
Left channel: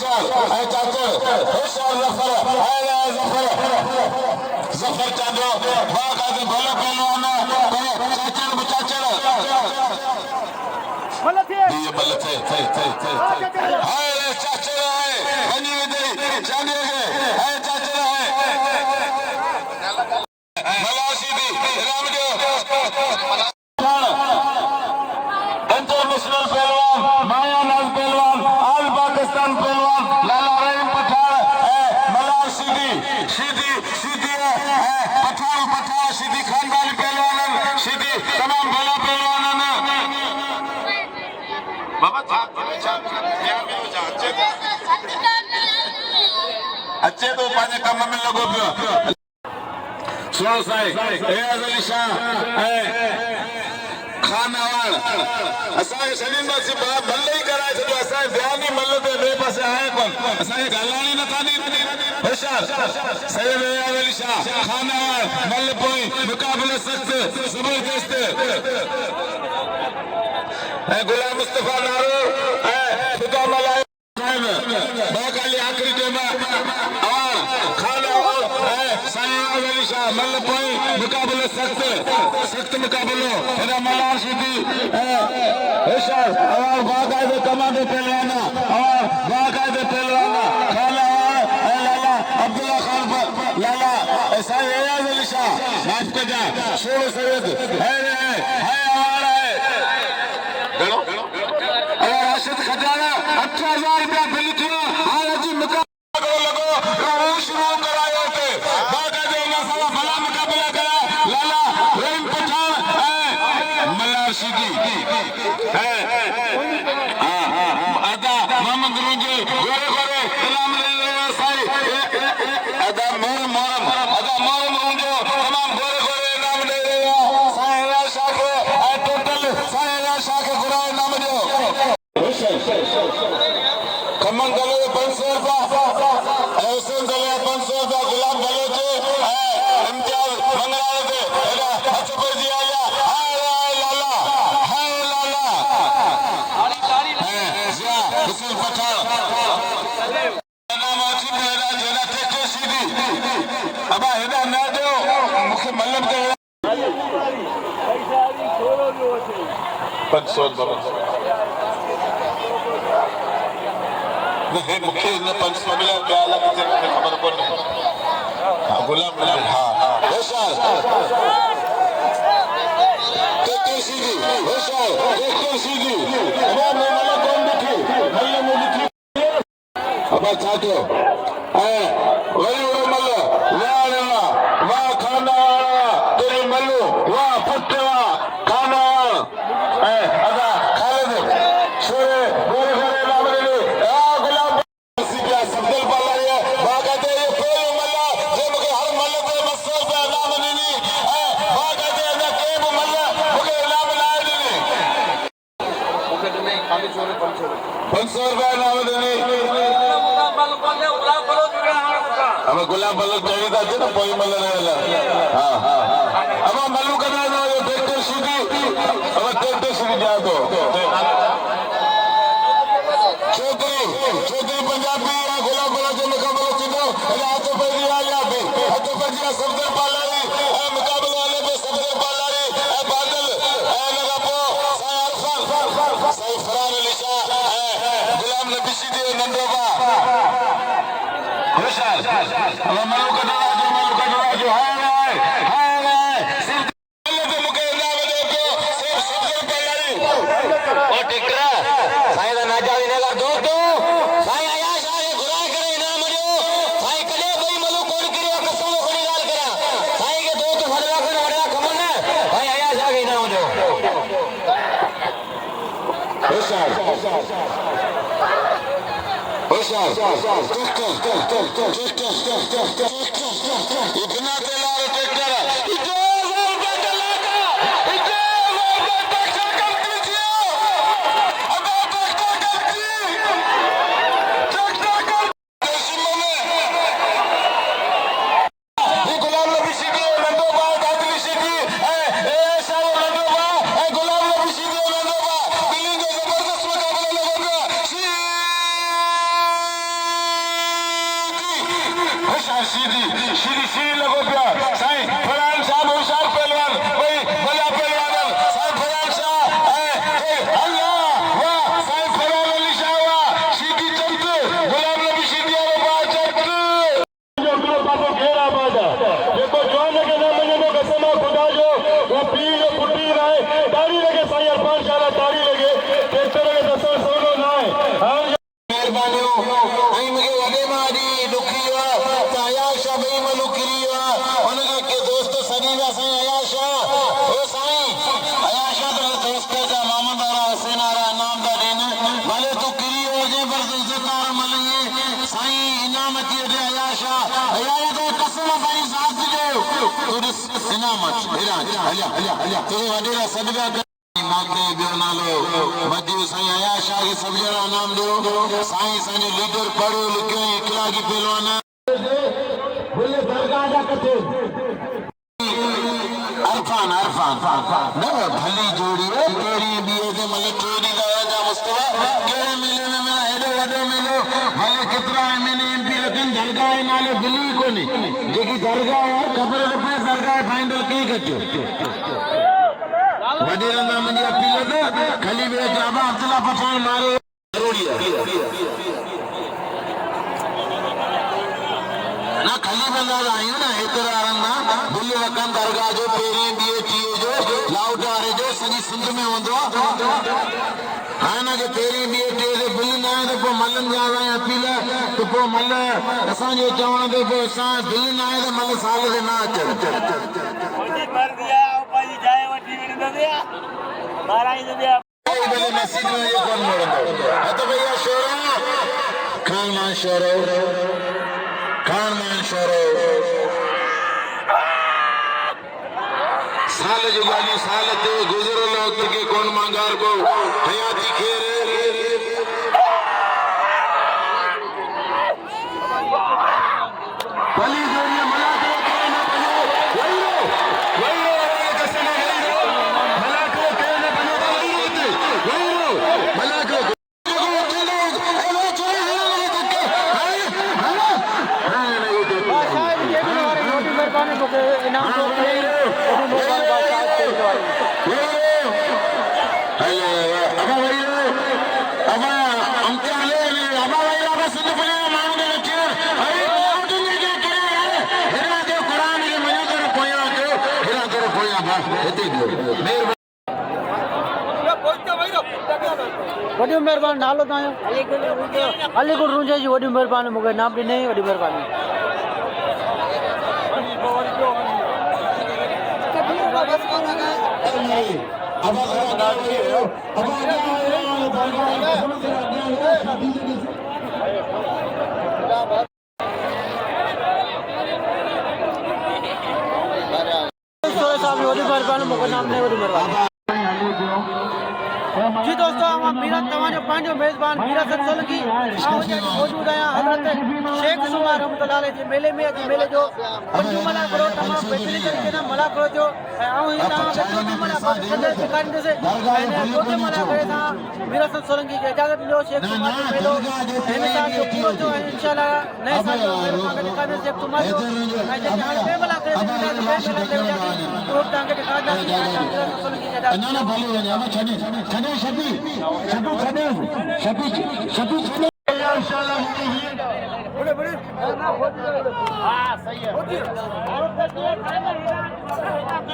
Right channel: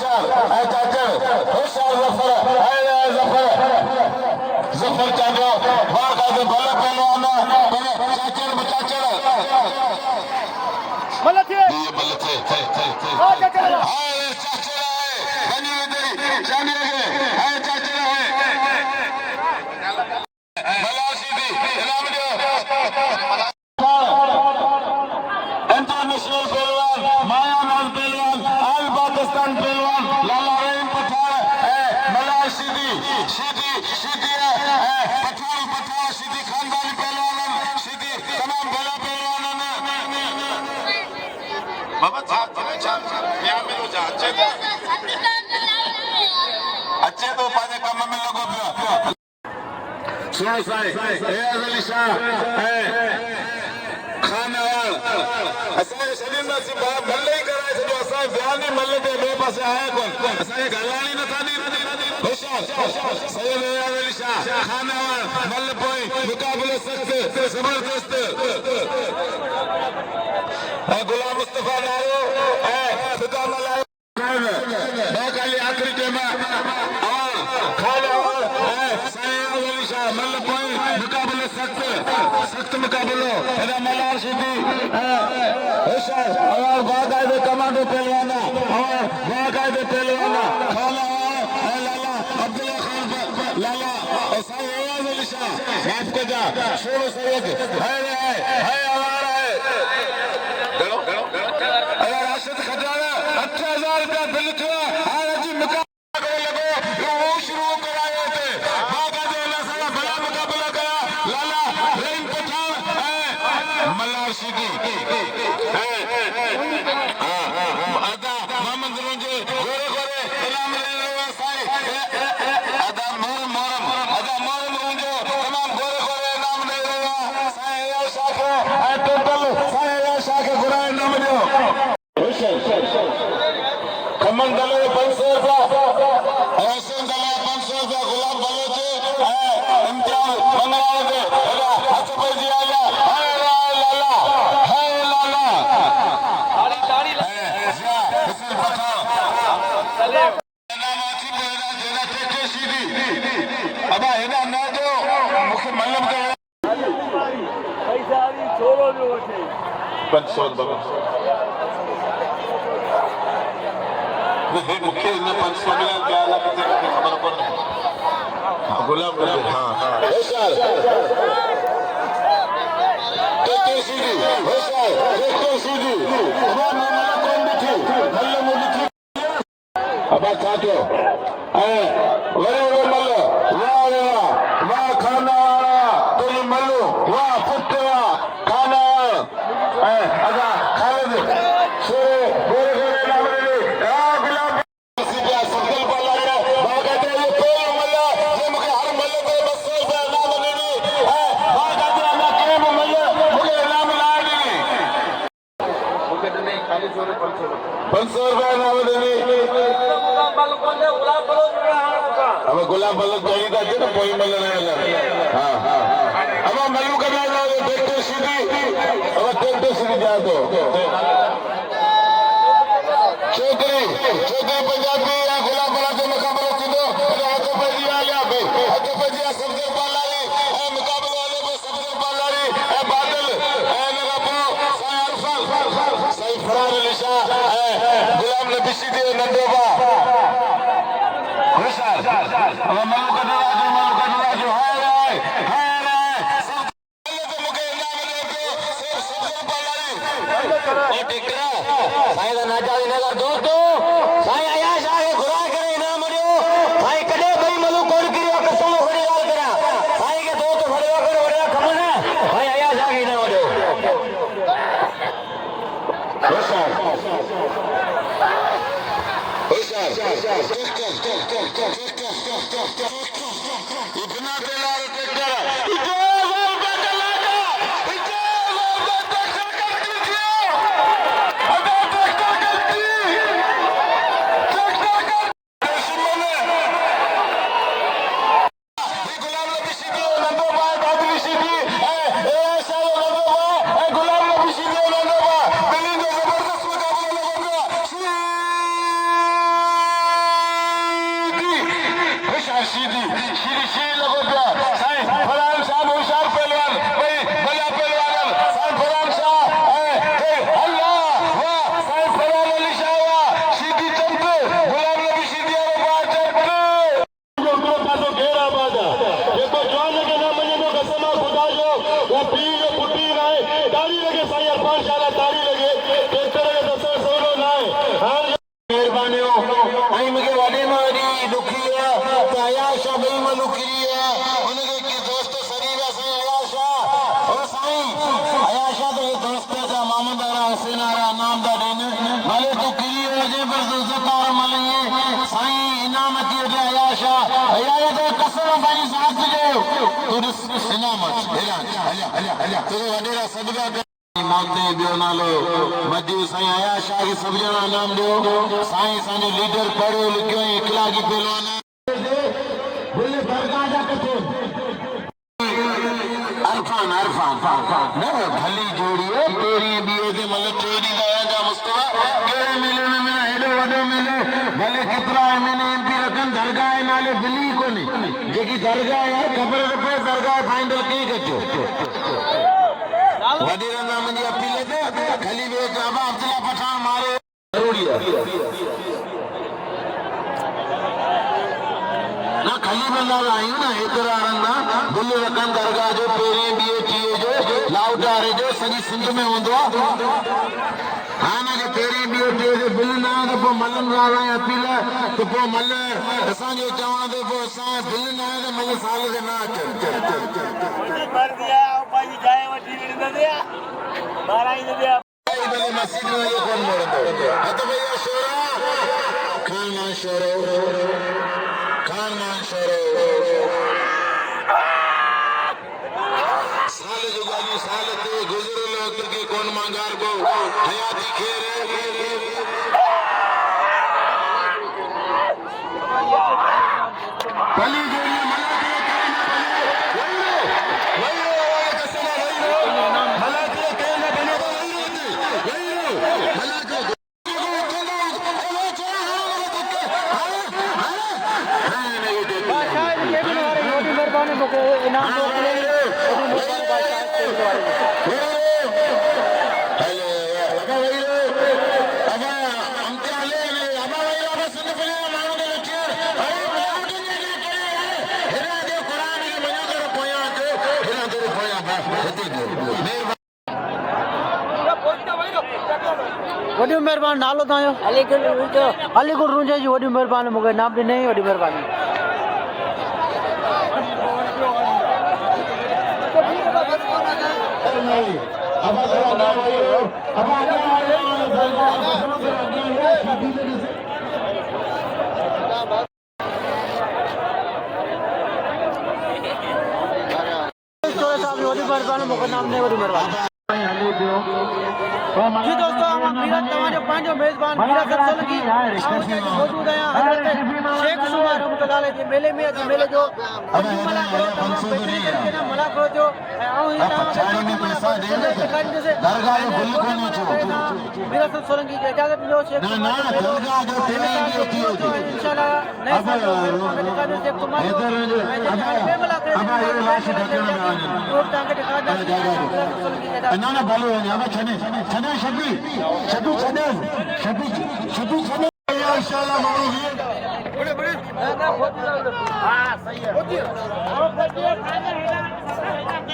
होशियार ऐं चाकर होशियार ज़फर ऐं ज़फर चांदो वाह का तो भला पहलवान चाचर बचाचर बोला थे बल थे चाचर है बनी उधरी जाने वो है चाचर है भला सीधी राम जो इंटरनेशनल पहलवान मायानाथ पहलवान ऑल पाकिस्तान पहलवान लाला रहीम पठान मलार सीधी सीधी सीधी पठान सीधी खानदान पहलवान सीधी तमाम भला पहलवान बाबा अच्छे तो पाने कम में लगो सुनो साईं एयाज़ अली शाह खानावाड़ असांखे छॾींदासीं मल ई कराए छॾियो असांखे ध्यानु ई मल ते ॿिए पासे आहे कोन असांखे ॻाल्हाइण ई नथा ॾियनि होशियार सैयद एयाज़ अली शाह खानावाड़ मल पोइ मुक़ाबिले सख़्त ज़बरदस्त ऐं गुलाम मुस्तफ़ा नारो ऐं ख़ुदा मलायो बाकाली आख़िरी टाइम खानावाड़ ऐं सैयद अली शाह मल पोइ मुक़ाबिले सख़्त मुक़ाबिलो हेॾा मलार सीधी होशियार अवार बाक़ायदे कमांडो पहलवान अवार बाक़ायदे पहलवान खानावाड़ ऐं लाला अब्दुल्ला खान लाला ऐं साईं एयाज़ अली शाह माफ़ कजा शोर सैयद है अवार है अवार राशिद खजाना 18,000 रुपया बिल थियो हाणे जी मुक़ाबिलो लॻो शुरू करायो ते बाक़ायदे हिन सां भला मुक़ाबिला कया लाला रहीम पठान मलार सीधी अदा मोहम्मद मुंहिंजे गोरे गोरे कलाम साईं अदा मोहन मुंहिंजो तमामु गोरे गोरे नाम ॾेई रहिया साईं एयाज़ शाह खे ऐं टोटल साईं एयाज़ शाह खे घुराए नाम ॾियो खमन दले 500 रुपया ऐं हुसैन दले 500 रुपया गुलाम बलोच इम्तियाज़ बंगाल ते हथ पइजी आया हुसैन पठान अब हेॾा न ॾियो मूंखे मल्लम ते 500 मूंखे हिन 500 मिलिया क्या किथे मूंखे ख़बर कोन्हे गुलाम हा होशियार सीधी होशियार सीधी अब छा कयो ऐं वरी उहो मल वाह खानावाड़ तुंहिंजी मलूं वाह पुट वाह खानावाड़ ऐं अदा ख़ालिद शोरे गोरे गोरे नाम ॾिनी गुलाम सब्दुल बाला बाक़ायदे इहो पहिरियों मल जे मूंखे हर मल ते 200 रुपया इनाम ॾिनी ऐं बाक़ायदे अञा कंहिं बि मल मूंखे इनाम न ॾिनी 500 रुपया इनाम ॾिनी हमें गुलाम बलोच चाहिए था ना कोई मल हाँ अब मल्लू करना था ट्रैक्टर सीधी अब ट्रैक्टर सीधी जा दो छोकरी पंजाबी या गुलाम बलोच जो मुकाबला थींदो हथ पइजी आया हथ पइजी सफदर पालारी मुकाबले वाले में सफदर पालारी बादल लगा पो साईं फरार अली शाह गुलाम नबी सीधी नंढो बा होशियार अब मल्लू का दरवाजो है मूंखे इनाम ॾे पियो सफदर पालारी ओ टिकरा साईं दा नाजावी नगर दोस्तो साईं अयाज़ शाह खे घुराए करे इनाम ॾियो साईं कॾहिं ॿई मल्लू कोन किरियो कसम खणी ॻाल्हि करियां साईं खे दोस्त भरवा करे वॾा खमन साईं अयाज़ शाह खे इनाम ॾियो इतना तेलार ट्रैक्टर गुलाम नबी सीधी नंदो बा कादरी सीधी गुलाम नबी सीधी नंदो बा दिल्ली जो जबरदस्त मुकाबला लगेगा सीधी लगो पिया साईं फरहान शाह होशियार पहलवान भाई बड़ा पहलवान साईं फरहान शाह अल्लाह वाह साईं फरहान अली शाह वाह सीधी चलते गुलाम नबी सीधी वाला चलते जो मेरे पास घेरा बाबा देखो जान के नाम में वो कसम खुदा जो वो पीर फुटी रहे दाढ़ी लगे साईं अरफान शाह दाढ़ी लगे तेरे लगे दसो सोनो ना हां मेहरबानी आई मगे वाले मारी दुखी वा ताया शबई मलुकरी वा उनके के दोस्त सरीवा साईं आयाशा ओ साईं आयाशा तो दोस्त का मोहम्मद आरा हुसैन आरा नाम दा दिन भले तू किरी हो जे पर तू ज़कार मलंगे साईं इनामती दे आयाशा आया दे कसम साईं साथ दे तू इनामत हला तो वडेरा सदका इमाम दे बियो नालो मदी साईं आयाशा के सब जना नाम दो साईं साजो लीडर पढ़ो लिखो इखलाकी पहलवाना बोले दरगाह जा कथे अरफान न भली जोड़ी तेरी बियो के मतलब तेरी दादा मुस्तफा तेरे मिले में मैं हेडो वडो मिलो भले कितना है मैंने एमपी रतन दरगाह नाले दिल्ली को नहीं जेकी दरगाह है कब्र पे दरगाह फाइनल की कचो वडीरा नाम जी अपील दे खली वे जाबा अब्दुल्ला पठान मारे रोड़िया ना खली बंदा आई ना इतरा रंगा बुल्ले रतन दरगाह जो पेरी बीए टीए जो लाउटारे जो सजी सिंध में हुंदो हाना के पेरी बीए टीए जो बुल ना तो पो मल्लन वाला अपील तो पो मल्ल असा जो चवण दे पो सा बुल ना है तो मल्ल साल के ना चल मुझे मर दिया पाजी जाए वठी विन दिया माराई दिया बोले मस्जिद में ये कौन मोड़ो तो भैया शोरा खान मान शोरो साल जो गाली साल ते गुजरो लो के कौन मांगार को हयाती खेरे भली जोड़ी मला मेहरबानी मुझे इनाम तो मिले ओडी मेहरबानी बादशाह के द्वारा हेलो अब भाई अब हम क्या ले अब भाई अब सिंध पे मांग दे के अरे उठ ने के करे हेरा दे कुरान के मने कर पोया तो हेरा कर पोया बस हेते दो वडी मेहरबानी नालो तायो अलीगढ़ रुंजा जी वडी मेहरबानी मुझे नाम दी नहीं वडी मेहरबानी साहब वडी मेहरबानी मुझे नाम नहीं वडी मेहरबानी जी दोस्तों हम मीरा तमाजो पांजो मेजबान मीरा सर सोलंकी आओ जे मौजूद आया हजरत शेख सुमार रहमतुल्लाह अलैह जे मेले में जे मेले जो पंजू मला करो तमाम बेहतरीन तरीके ना मला करो जो आओ ही ता के चोटी मला को सदर के कान से मैंने चोटी मला पे था मीरा सर सोलंकी के इजाजत लो शेख सुमार जो मेलो इन साल जो पूरा जो है इंशाल्लाह नए साल जो मेरे का दिखा दे शेख सुमार जो मैं जे हर पे मला करे दे मेला दे जाती वो टांगे दिखा दे मीरा सर सोलंकी के इजाजत ना भलो ना छने शबी इंशाल्लाह मारूफ है बड़े बड़े हां सही है